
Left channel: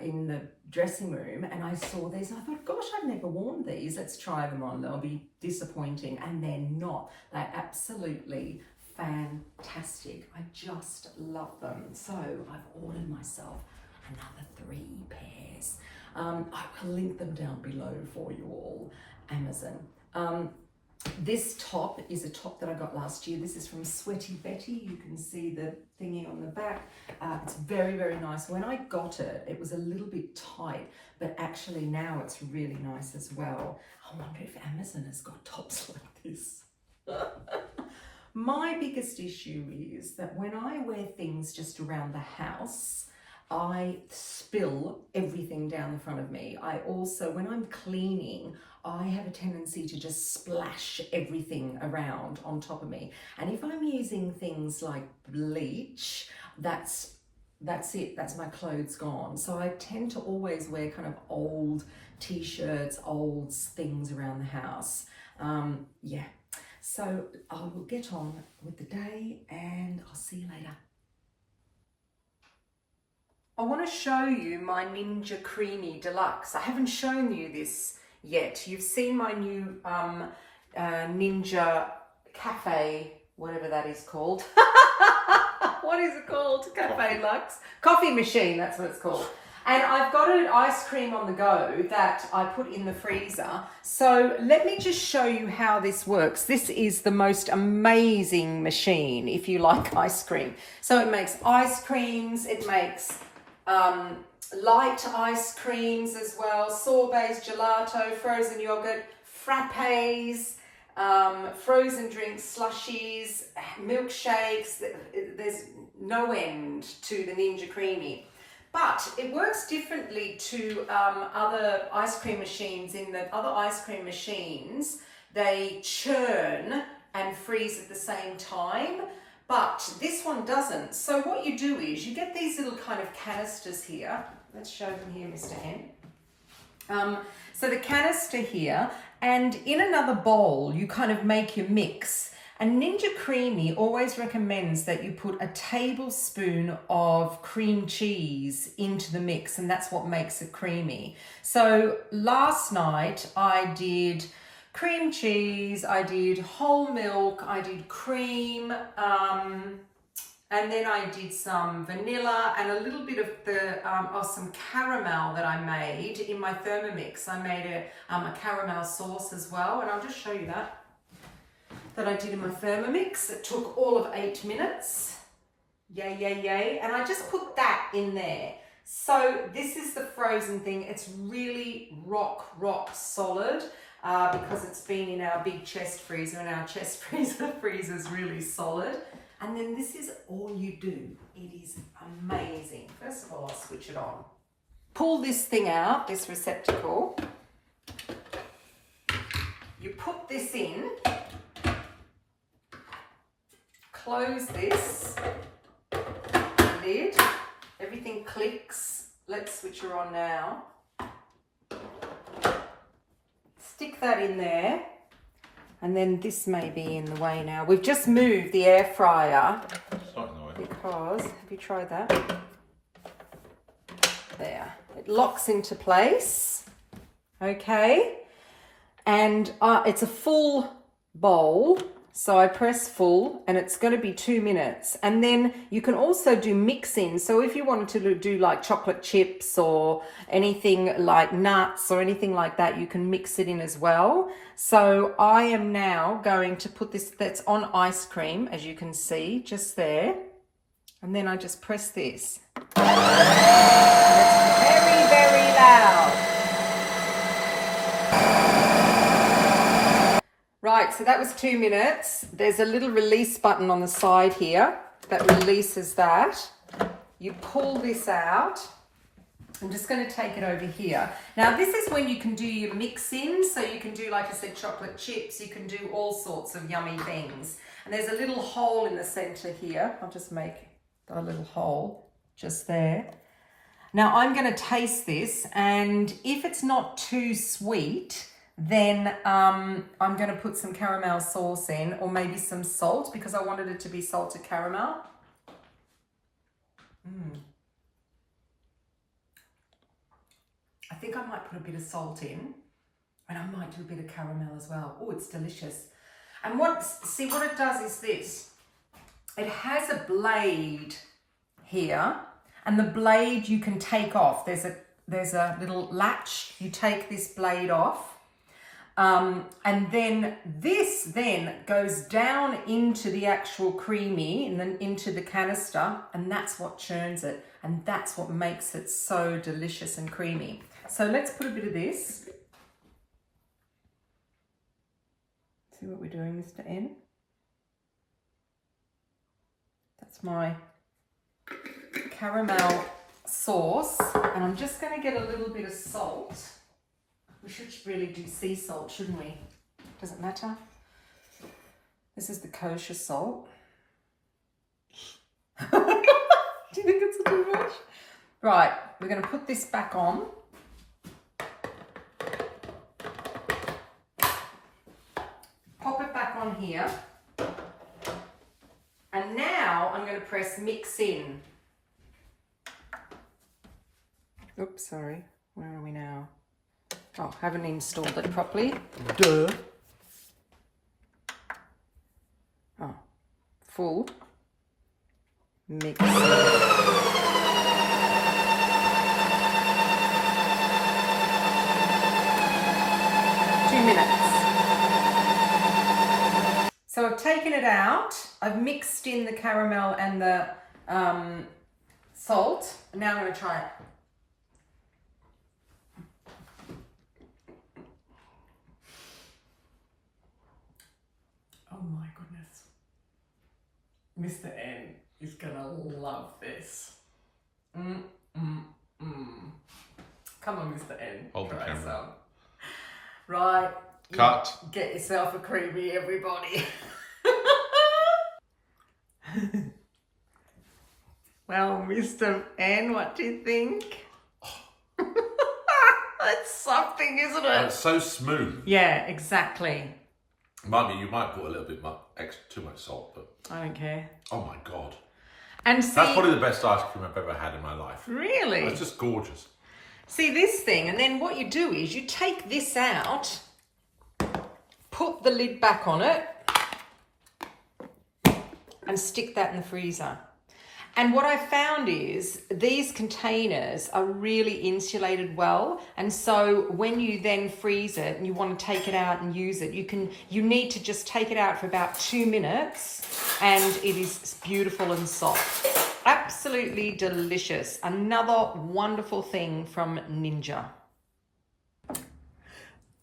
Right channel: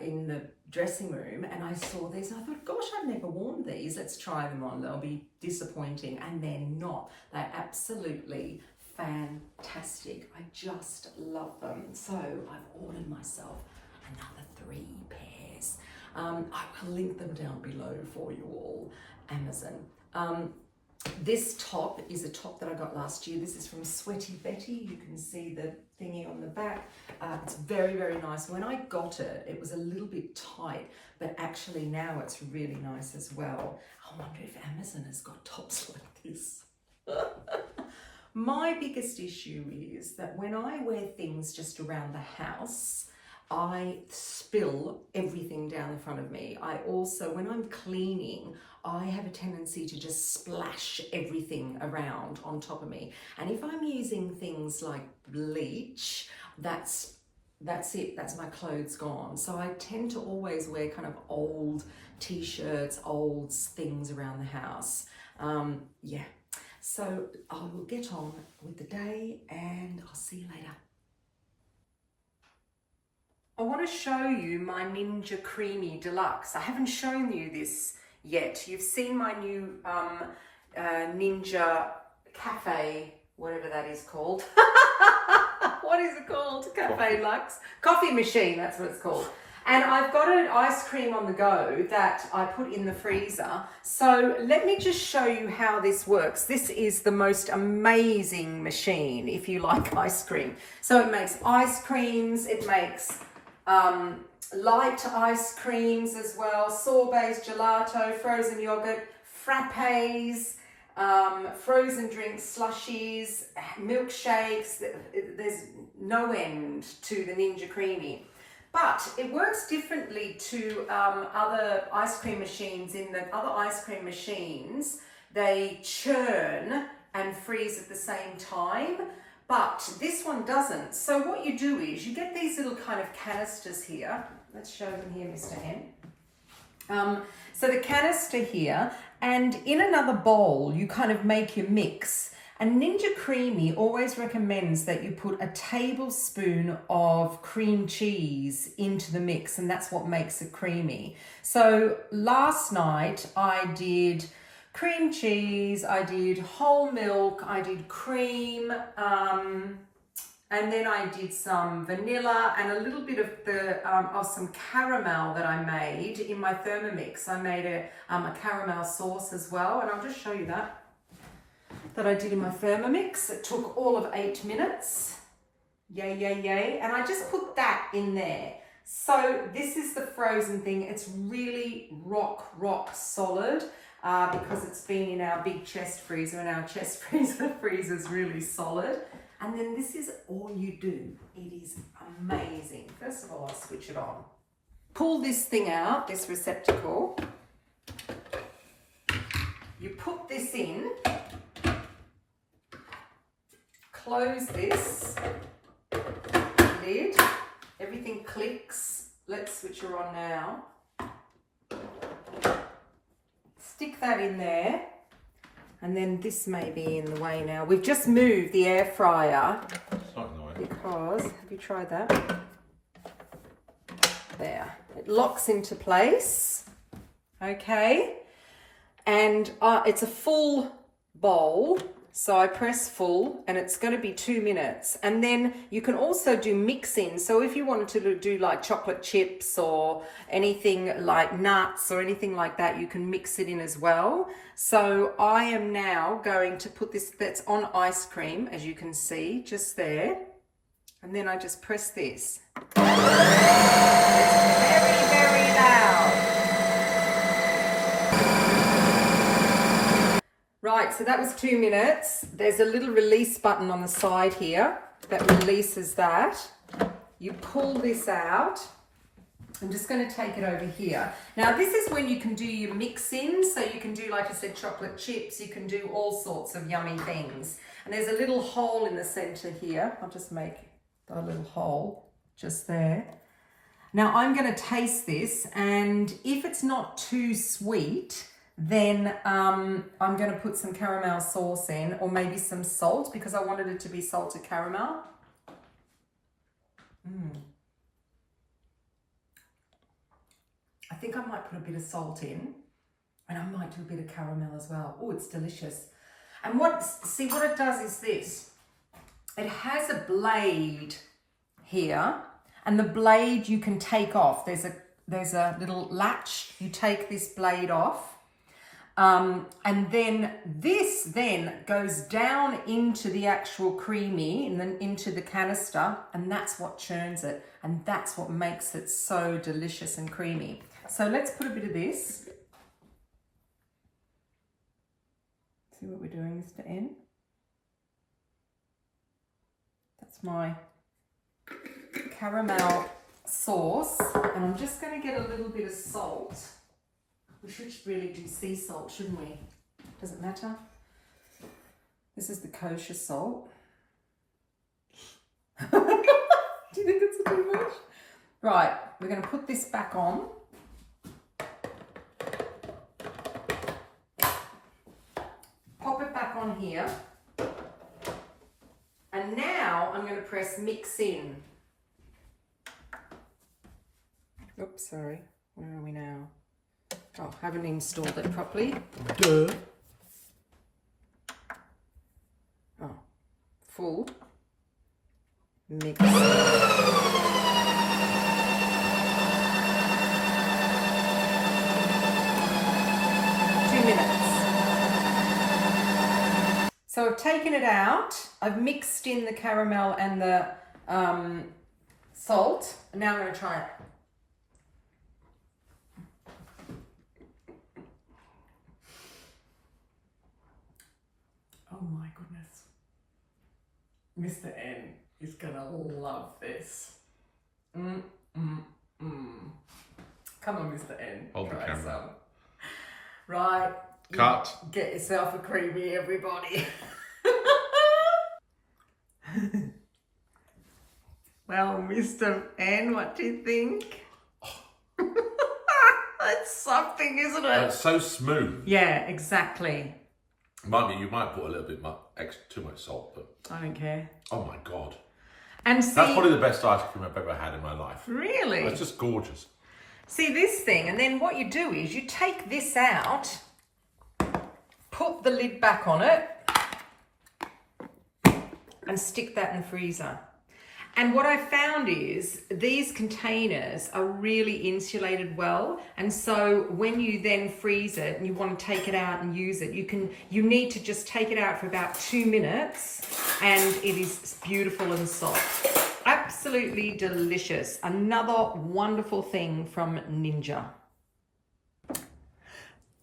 in the dressing room and I saw these and I thought, gosh, I've never worn these. Let's try them on. They'll be disappointing. And they're not. They're absolutely fantastic. I just love them. So I've ordered myself another 3 pairs. I will link them down below for you all. Amazon. This top is a top that I got last year. This is from Sweaty Betty. You can see the thingy on the back. It's very, very nice. When I got it, it was a little bit tight, but actually now it's really nice as well. I wonder if Amazon has got tops like this. My biggest issue is that when I wear things just around the house, I spill everything down in front of me. I also, when I'm cleaning, I have a tendency to just splash everything around on top of me. And if I'm using things like bleach, that's it, that's my clothes gone. So I tend to always wear kind of old t-shirts, old things around the house. Yeah. So I will get on with the day and I'll see you later. I want to show you my Ninja Creami Deluxe. I haven't shown you this yet. You've seen my new Ninja Cafe, whatever that is called. What is it called? Cafe Lux? Coffee machine, that's what it's called. And I've got an ice cream on the go that I put in the freezer. So let me just show you how this works. This is the most amazing machine if you like ice cream. So it makes ice creams, it makes light ice creams as well, sorbets, gelato, frozen yogurt, frappes, frozen drinks, slushies, milkshakes. There's no end to the Ninja Creami. But it works differently to other ice cream machines. In the other ice cream machines, they churn and freeze at the same time. but this one doesn't. So what you do is you get these little kind of canisters here. Let's show them here, Mr. N. So the canister here, and in another bowl, you kind of make your mix. And Ninja Creami always recommends that you put a tablespoon of cream cheese into the mix, and that's what makes it creamy. So last night I did cream cheese, I did whole milk, I did cream, and then I did some vanilla and a little bit of the of some caramel that I made in my Thermomix. I made a caramel sauce as well, and I'll just show you that I did in my Thermomix. It took all of 8 minutes. Yay, yay, yay. And I just put that in there. So this is the frozen thing. It's really rock solid because it's been in our big chest freezer, and our chest freezer is really solid. And then this is all you do. It is amazing. First of all, I'll switch it on. Pull this thing out, this receptacle. You put this in. Close this lid, everything clicks. Let's switch her on now. Stick that in there, and then this may be in the way now. We've just moved the air fryer. It's not in the way. Because, have you tried that? There, it locks into place, okay? And it's a full bowl. So I press full, and it's going to be 2 minutes. And then you can also do mix-in. So if you wanted to do like chocolate chips or anything like nuts or anything like that, you can mix it in as well. So I am now going to put this, that's on ice cream, as you can see, just there. And then I just press this. It's very, very loud. Right, so that was 2 minutes. There's a little release button on the side here that releases that. You pull this out. I'm just going to take it over here. Now, this is when you can do your mix-in. So you can do, like I said, chocolate chips. You can do all sorts of yummy things. And there's a little hole in the center here. I'll just make a little hole just there. Now, I'm going to taste this. And if it's not too sweet, then I'm going to put some caramel sauce in, or maybe some salt, because I wanted it to be salted caramel. I think I might put a bit of salt in, and I might do a bit of caramel as well. Oh, it's delicious. And see what it does is this. It has a blade here, and the blade you can take off. There's a little latch. You take this blade off. And then this goes down into the actual creamy and then into the canister, and that's what churns it, and that's what makes it so delicious and creamy. So let's put a bit of this. See what we're doing, Mr. N? That's my caramel sauce, and I'm just going to get a little bit of salt. We should really do sea salt, shouldn't we? Does it matter? This is the kosher salt. Do you think it's too much? Right, we're going to put this back on. Pop it back on here. And now I'm going to press mix in. Oops, sorry. Where are we now? Oh, haven't installed it properly. Duh. Oh, full. Mix. 2 minutes. So I've taken it out. I've mixed in the caramel and the salt. Now I'm going to try it. Oh my goodness. Mr. N is gonna love this. Come on, Mr. N. Hold the camera. Some. Right. Cut. Get yourself a creamy, everybody. Well, Mr. N, what do you think? It's something, isn't it? It's so smooth. Yeah, exactly. You might put a little bit too much salt, but I don't care. oh my God. And see, that's probably the best ice cream I've ever had in my life. Really? It's just gorgeous. See this thing, and then what you do is you take this out, put the lid back on it, and stick that in the freezer. And what I found is these containers are really insulated well. And so when you then freeze it and you want to take it out and use it, you need to just take it out for about 2 minutes and it is beautiful and soft. Absolutely delicious. Another wonderful thing from Ninja.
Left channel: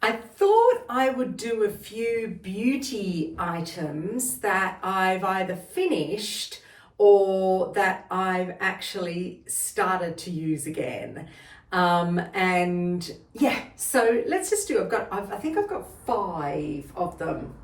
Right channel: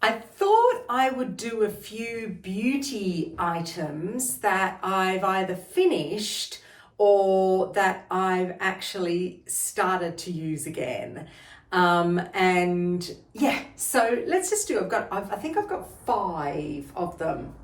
I thought I would do a few beauty items that I've either finished or that I've actually started to use again. And yeah, so let's just do, I think I've got 5 of them.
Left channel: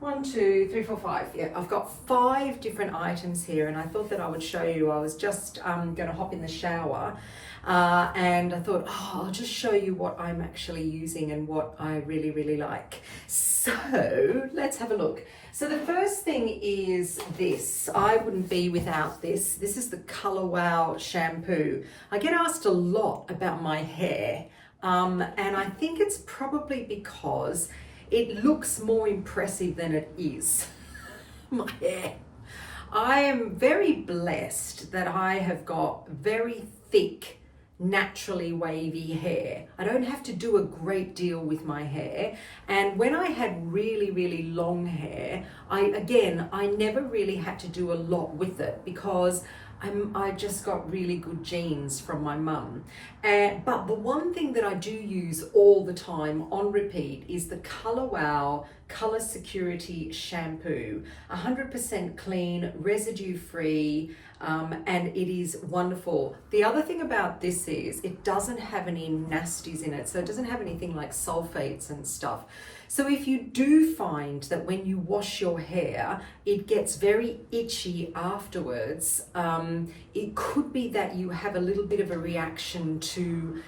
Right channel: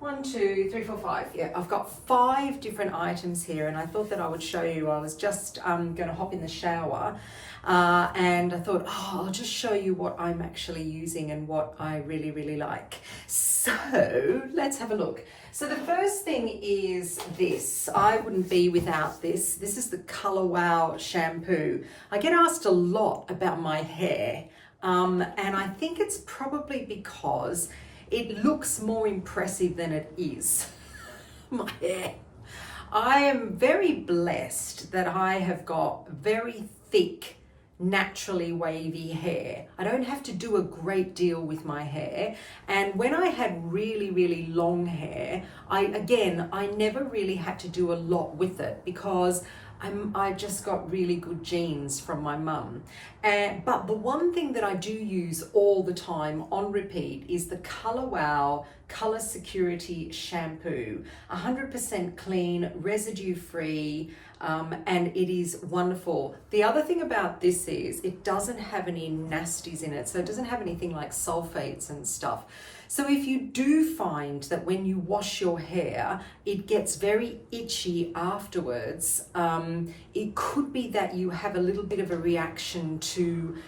1, 2, 3, 4, 5. Yeah, I've got 5 different items here, and I thought that I would show you. I was just gonna hop in the shower, and I thought, I'll just show you what I'm actually using and what I really, really like. So let's have a look. So the first thing is this. I wouldn't be without this. This is the Color Wow shampoo. I get asked a lot about my hair, and I think it's probably because it looks more impressive than it is. My hair. I am very blessed that I have got very thick, naturally wavy hair. I don't have to do a great deal with my hair. And when I had really, really long hair, I never really had to do a lot with it because I just got really good genes from my mum. But the one thing that I do use all the time on repeat is the Color Wow Color Security Shampoo. 100% clean, residue free, and it is wonderful. The other thing about this is it doesn't have any nasties in it. So it doesn't have anything like sulfates and stuff. So if you do find that when you wash your hair, it gets very itchy afterwards, it could be that you have a little bit of a reaction to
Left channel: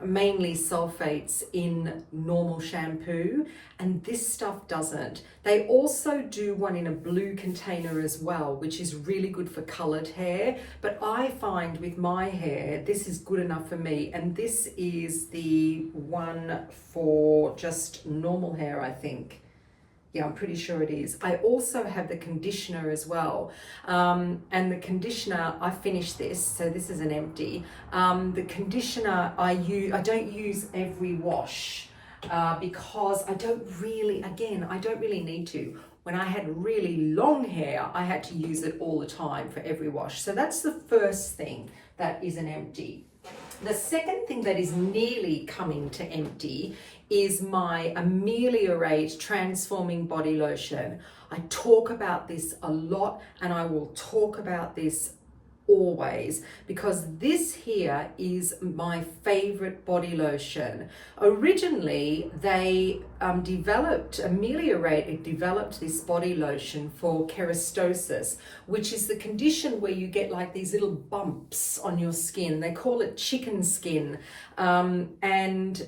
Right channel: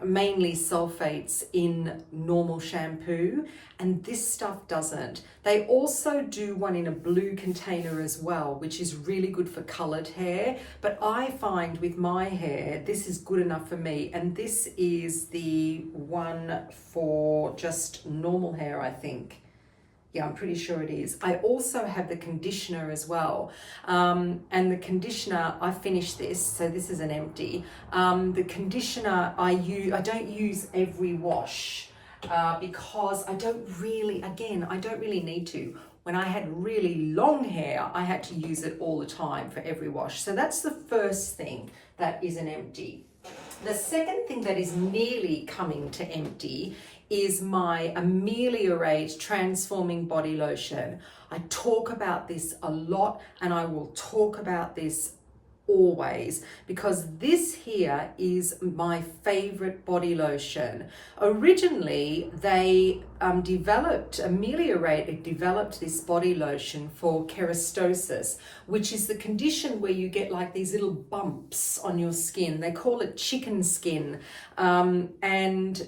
mainly sulfates in normal shampoo, and this stuff doesn't. They also do one in a blue container as well, which is really good for colored hair, but I find with my hair this is good enough for me, and this is the one for just normal hair, I think. Yeah, I'm pretty sure it is. I also have the conditioner as well. And the conditioner, I finished this, so this is an empty. The conditioner I don't use every wash because I don't really need to. When I had really long hair, I had to use it all the time for every wash. So that's the first thing that is an empty. The second thing that is nearly coming to empty is my Ameliorate Transforming Body Lotion. I talk about this a lot, and I will talk about this always because this here is my favorite body lotion. Originally, they developed this body lotion for keratosis, which is the condition where you get like these little bumps on your skin. They call it chicken skin, and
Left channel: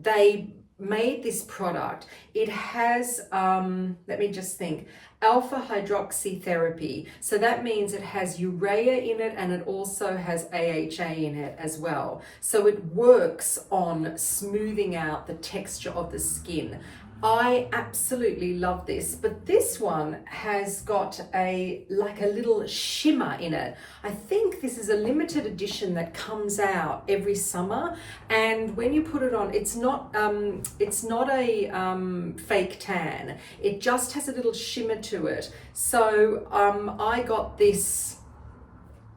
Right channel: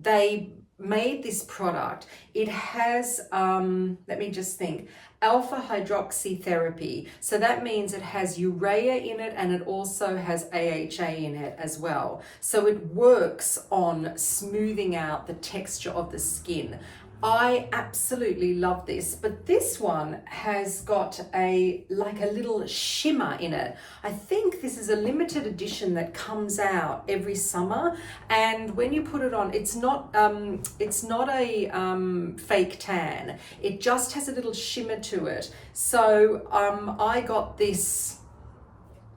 they made this product. It has, let me just think, alpha hydroxy therapy. So that means it has urea in it, and it also has AHA in it as well. So it works on smoothing out the texture of the skin. I absolutely love this, but this one has got a little shimmer in it. I think this is a limited edition that comes out every summer, and when you put it on, it's not a fake tan. It just has a little shimmer to it. So I got this,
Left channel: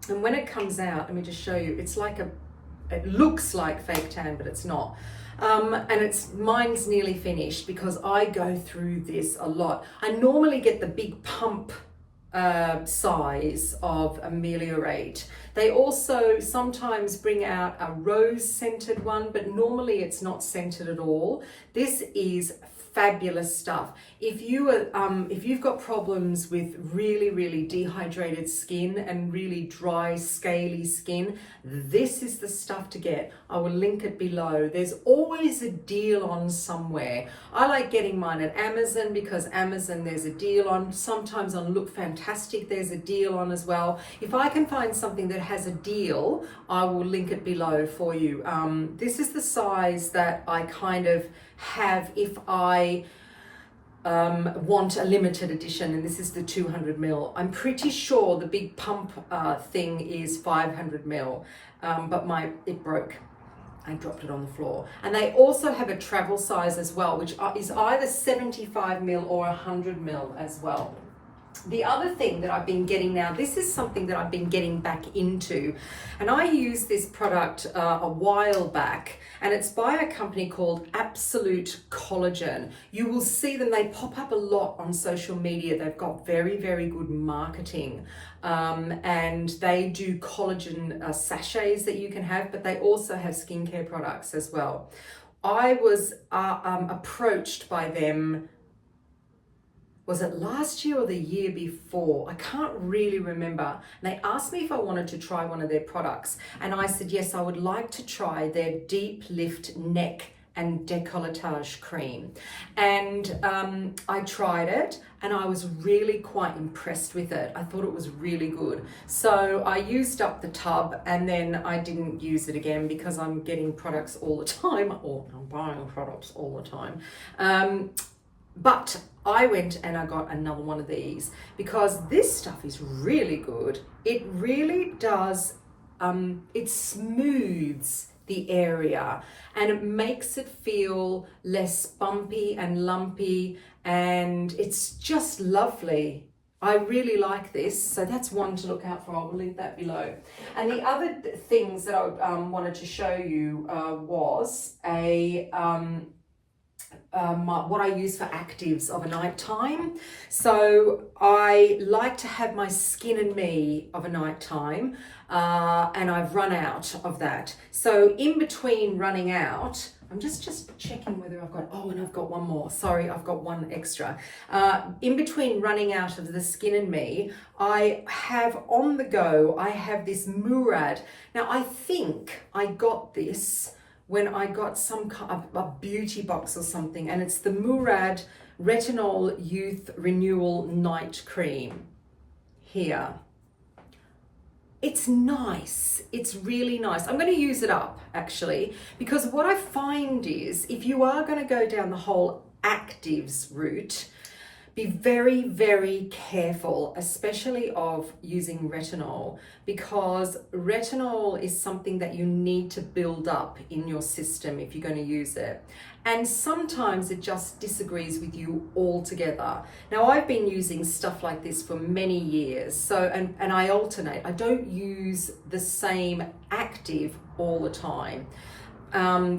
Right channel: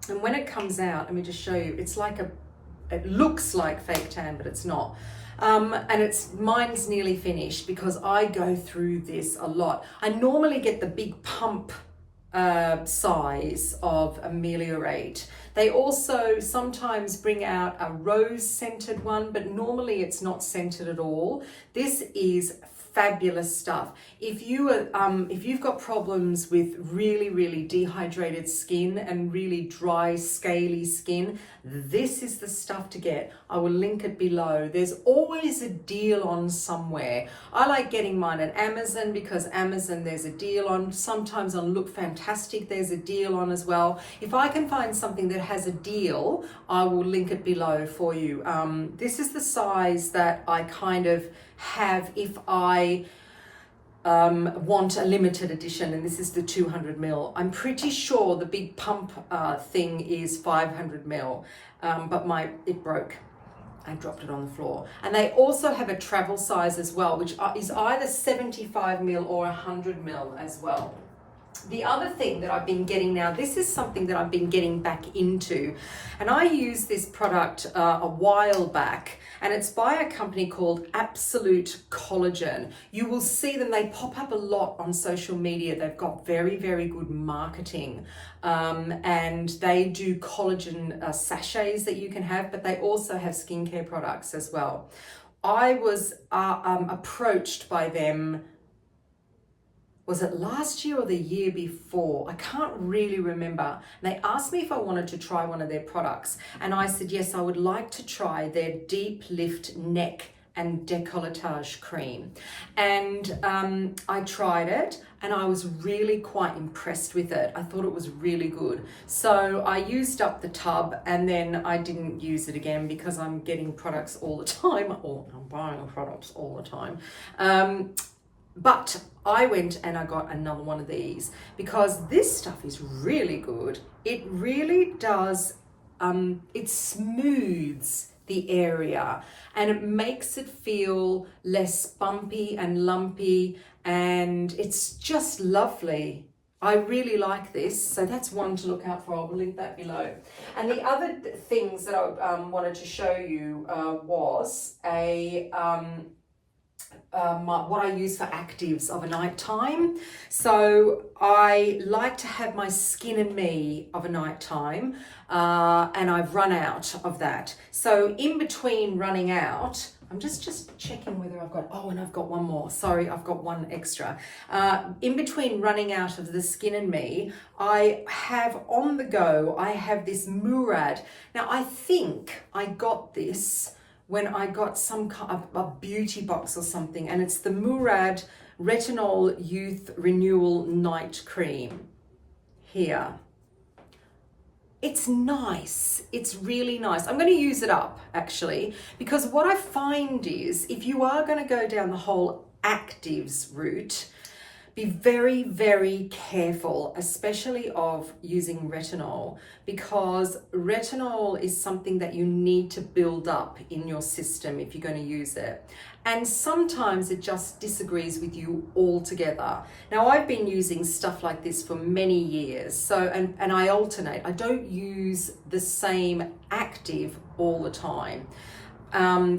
and when it comes out, let me just show you. It looks like fake tan, but it's not. And mine's nearly finished because I go through this a lot. I normally get the big pump size of Ameliorate. They also sometimes bring out a rose scented one, but normally it's not scented at all. This is fabulous stuff. If you've got problems with really dehydrated skin and really dry, scaly skin, this is the stuff to get. I will link it below. There's always a deal on somewhere. I like getting mine at Amazon because Amazon there's a deal on. Sometimes on Look Fantastic there's a deal on as well. If I can find something that has a deal, I will link it below for you. This is the size that I kind of have if I want a limited edition, and this is the 200 ml. I'm pretty sure the big pump thing is 500 ml, but it broke. I dropped it on the floor. And they also have a travel size as well, which is either 75 ml or 100 ml as well. The other thing that I've been getting now, this is something that I've been getting back into, and I used this product a while back, and it's by a company called Absolute Collagen. You will see them, they pop up a lot on social media. They've got very good marketing, and they do collagen sachets that you can have, but they also have skincare products as well. I was approached by them, was it last year or the year before? I can't really remember. And they asked me if I wanted to try one of their products. And I said, yes, I would like to try their Deep Lift Neck and Décolletage Cream. And I tried it and I was really quite impressed with it. I thought it was really good. So I used up the tub and then I didn't use it again because I'm getting products all the time, or I'm buying products all the time. But I went and I got another one of these because this stuff is really good. It really does, it smooths the area and it makes it feel less bumpy and lumpy, and it's just lovely. I really like this, so that's one to look out for. I'll link that below. And the other things that I wanted to show you was what I use for actives of a night time. So I like to have my Skin and Me of a night time, and I've run out of that. So in between running out, I'm just checking whether I've got, oh, and I've got one more. Sorry, I've got one extra. In between running out of the Skin and Me, I have on the go, I have this Murad. Now I think I got this when I got some kind of a beauty box or something, and it's the Murad Retinol Youth Renewal Night Cream here. It's nice. It's really nice. I'm going to use it up actually, because what I find is if you are going to go down the whole actives route, be very careful, especially of using retinol, because retinol is something that you need to build up in your system if you're going to use it. And sometimes it just disagrees with you altogether. Now, I've been using stuff like this for many years, so and I alternate. I don't use the same active all the time.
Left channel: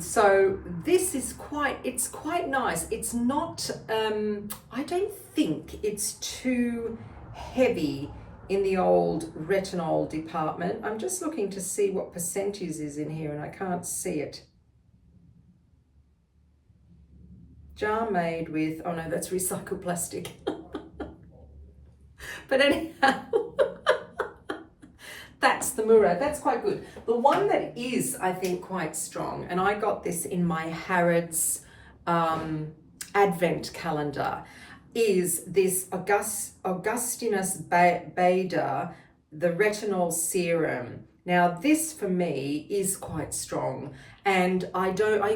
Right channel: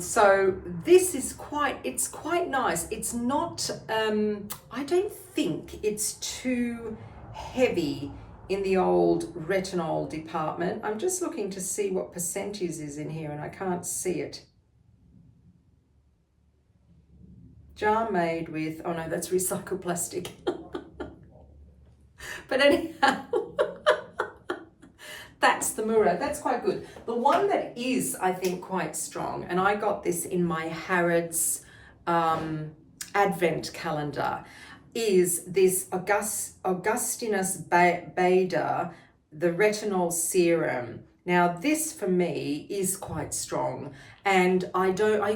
So this is it's quite nice. It's not, I don't think it's too heavy in the old retinol department. I'm just looking to see what percentage is in here and I can't see it. Jar made with, oh no, that's recycled plastic. But anyhow, that's the Murad. That's quite good. The one that is, I think, quite strong, and I got this in my Harrods advent calendar, is this Augustinus Bader, the retinol serum. Now this for me is quite strong, and I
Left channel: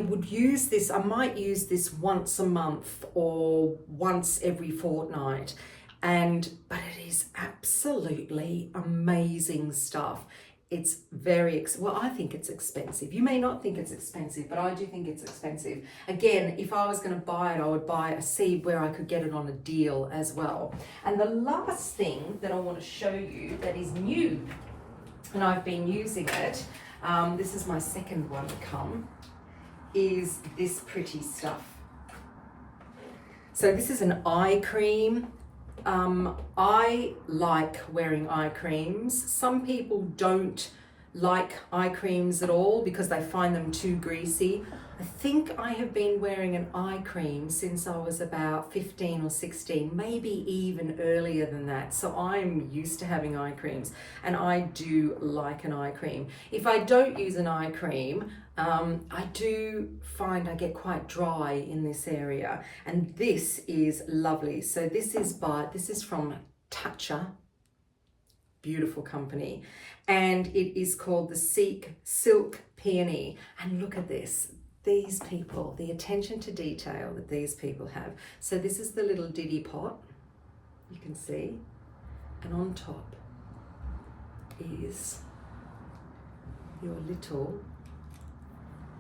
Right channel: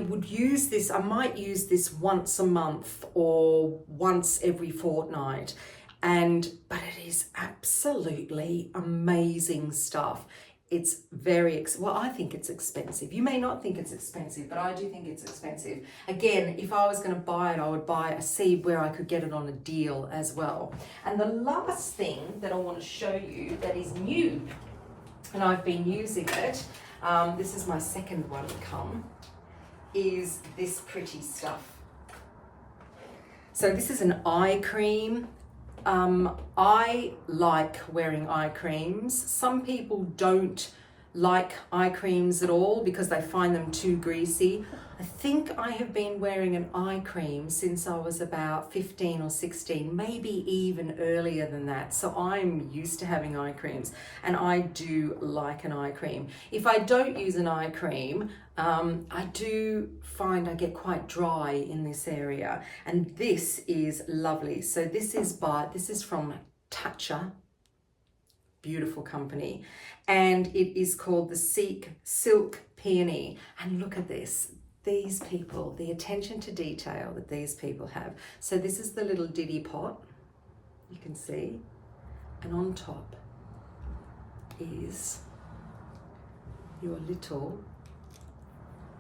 would use this, I might use this once a month or once every fortnight. But it is absolutely amazing stuff. It's well, I think it's expensive. You may not think it's expensive, but I do think it's expensive. Again, if I was going to buy it, I would buy a seed where I could get it on a deal as well. And the last thing that I want to show you that is new, and I've been using it, this is my second one to come, is this pretty stuff. So this is an eye cream. I like wearing eye creams. Some people don't like eye creams at all because they find them too greasy. I think I have been wearing an eye cream since I was about 15 or 16, maybe even earlier than that. So I'm used to having eye creams, and I do like an eye cream. If I don't use an eye cream, I do find I get quite dry in this area, and this is lovely. So this is from Tatcha, beautiful company, and it is called the Chic Silk Peony. And look at this. These people, the attention to detail that these people have. So this is the little diddy pot, you can see, and on top is your little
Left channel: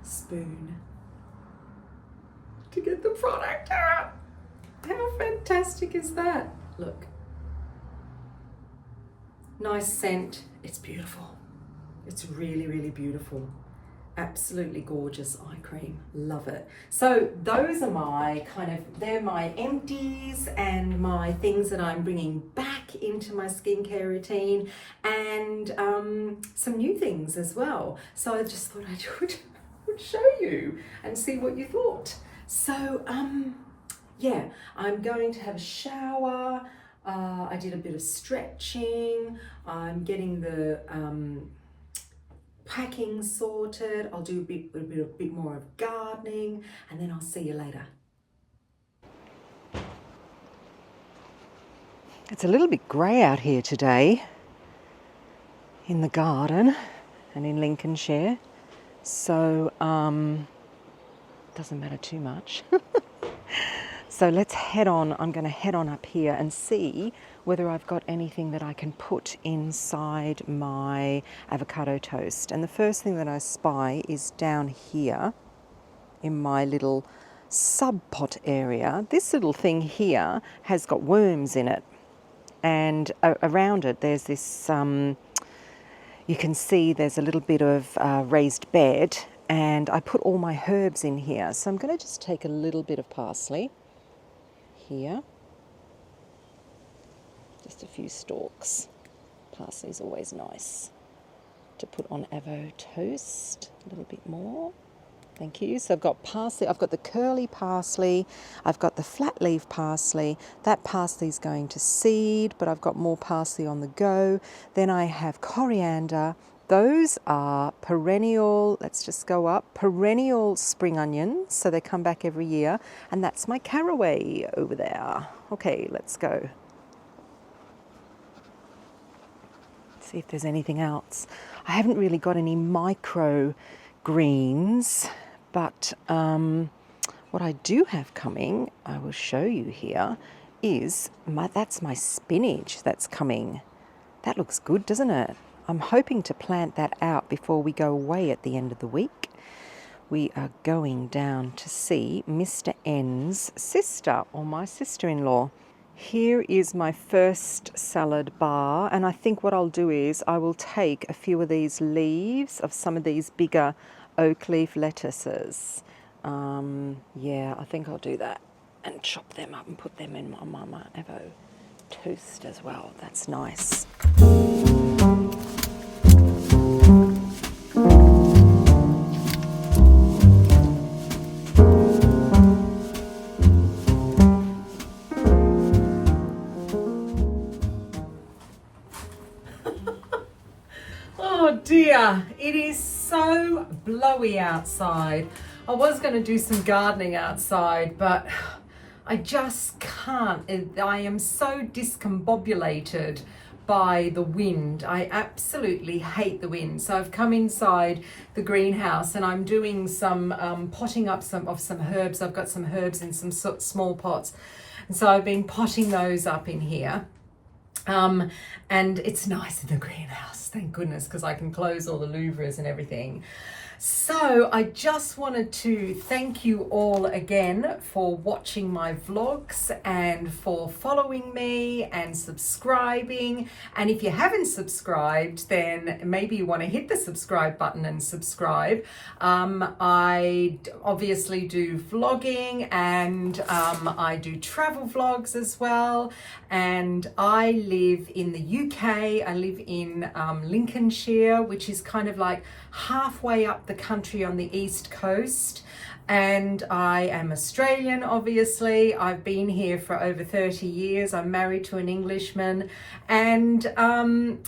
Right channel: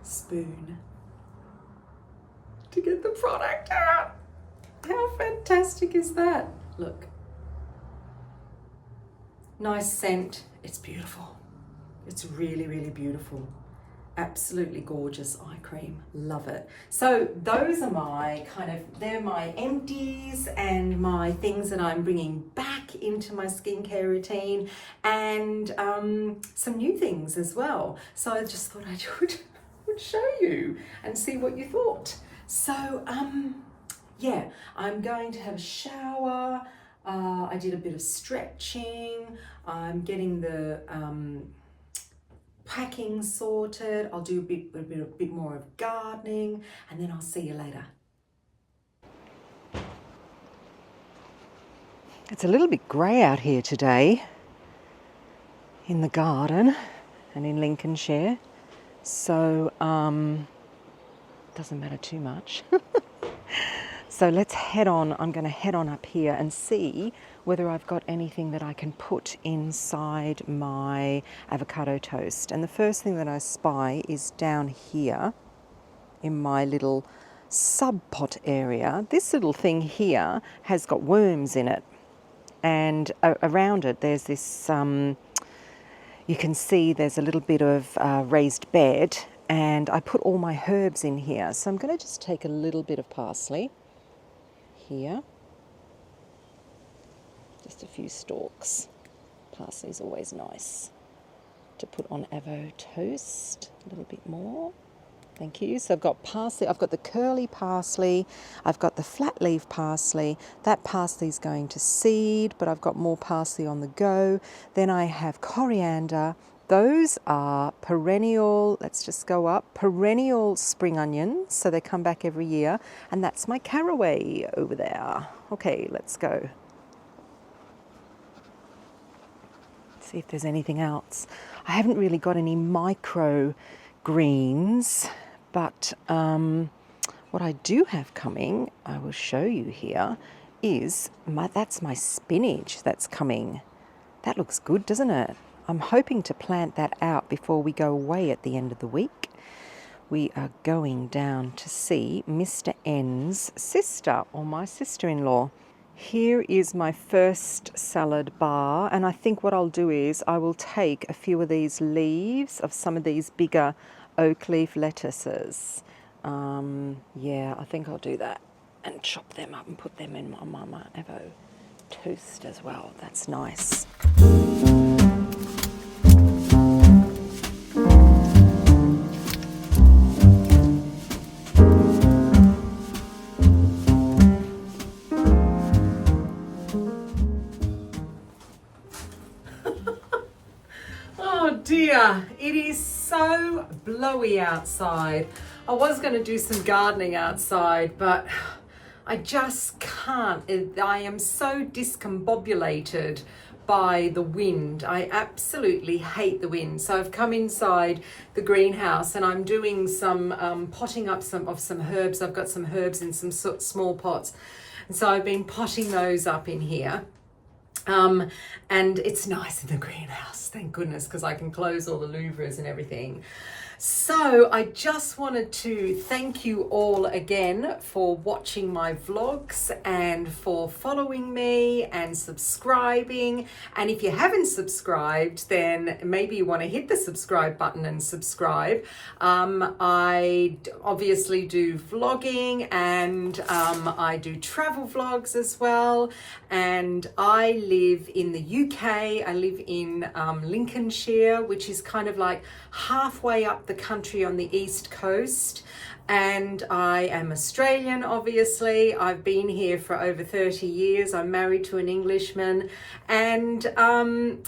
spoon to get the product out. How fantastic is that? Look, nice scent. It's beautiful. It's really, really beautiful. Absolutely gorgeous eye cream. Love it. So those are my they're my empties and my things that I'm bringing back into my skincare routine, and some new things as well. So I just thought I would show you and see what you thought. So yeah, I'm going to have a shower. I did a bit of stretching. I'm getting the packing sorted. I'll do a bit more of gardening, and then I'll see you later. It's a little bit grey out here today in the garden and in Lincolnshire, so doesn't matter too much. So let's head on. I'm going to head on up here and see whether I've got anything that I can put inside my avocado toast. And the first thing that I spy is down here in my little sub pot area. This little thing here has got worms in it, and around it there's this, you can see there's a little bit of raised bed, and I put all my herbs in here. So I'm going to just take a little bit of parsley here, just a few stalks. Parsley's always nice to put on avo toast. A little bit more, thank you. So I've got parsley, I've got the curly parsley, I've got the flat leaf parsley. That parsley's going to seed, but I've got more parsley on the go. Then I have coriander. Those are perennial, let's just go up, perennial spring onions, so they come back every year, and that's my caraway over there. Okay, let's go. See if there's anything else. I haven't really got any micro greens, but what I do have coming, I will show you here, is that's my spinach that's coming. That looks good, doesn't it? I'm hoping to plant that out before we go away at the end of the week. We are going down to see Mr. N's sister, or my sister-in-law. Here is my first salad bar, and I think what I'll do is I will take a few of these leaves of some of these bigger oak leaf lettuces. Yeah, I think I'll do that and chop them up and put them in my avo toast as well. That's nice. Oh dear, it is so blowy outside. I was going to do some gardening outside, but I just can't. I am so discombobulated by the wind. I absolutely hate the wind. So I've come inside the greenhouse and I'm doing some potting up some herbs. I've got some herbs in some small pots. And so I've been potting those up in here. And it's nice in the greenhouse, thank goodness, because I can close all the louvres and everything. So I just wanted to thank you all again for watching my vlogs and for following me and subscribing. And if you haven't subscribed, then maybe you want to hit the subscribe button and subscribe. I obviously do vlogging and I do travel vlogs as well. And I live in the UK. I live in Lincolnshire, which is kind of like halfway up the country on the east coast, and I am Australian. Obviously I've been here for over 30 years. I'm married to an Englishman, and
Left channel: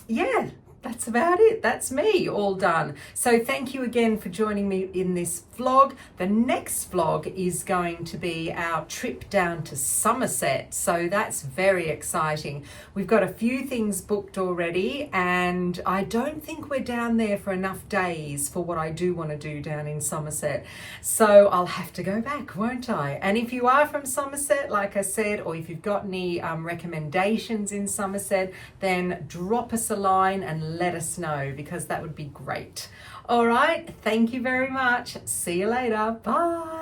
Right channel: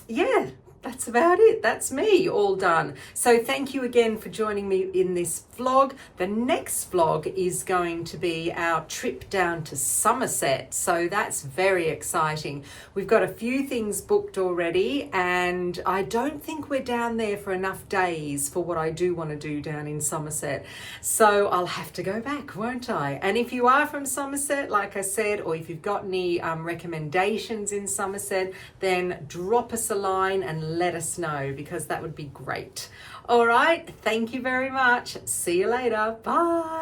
yeah, that's about it. That's me all done. So thank you again for joining me in this vlog. The next vlog is going to be our trip down to Somerset. So that's very exciting. We've got a few things booked already, and I don't think we're down there for enough days for what I do want to do down in Somerset. So I'll have to go back, won't I? And if you are from Somerset, like I said, or if you've got any recommendations in Somerset, then drop us a line and let us know, because that would be great. All right, thank you very much. See you later. Bye.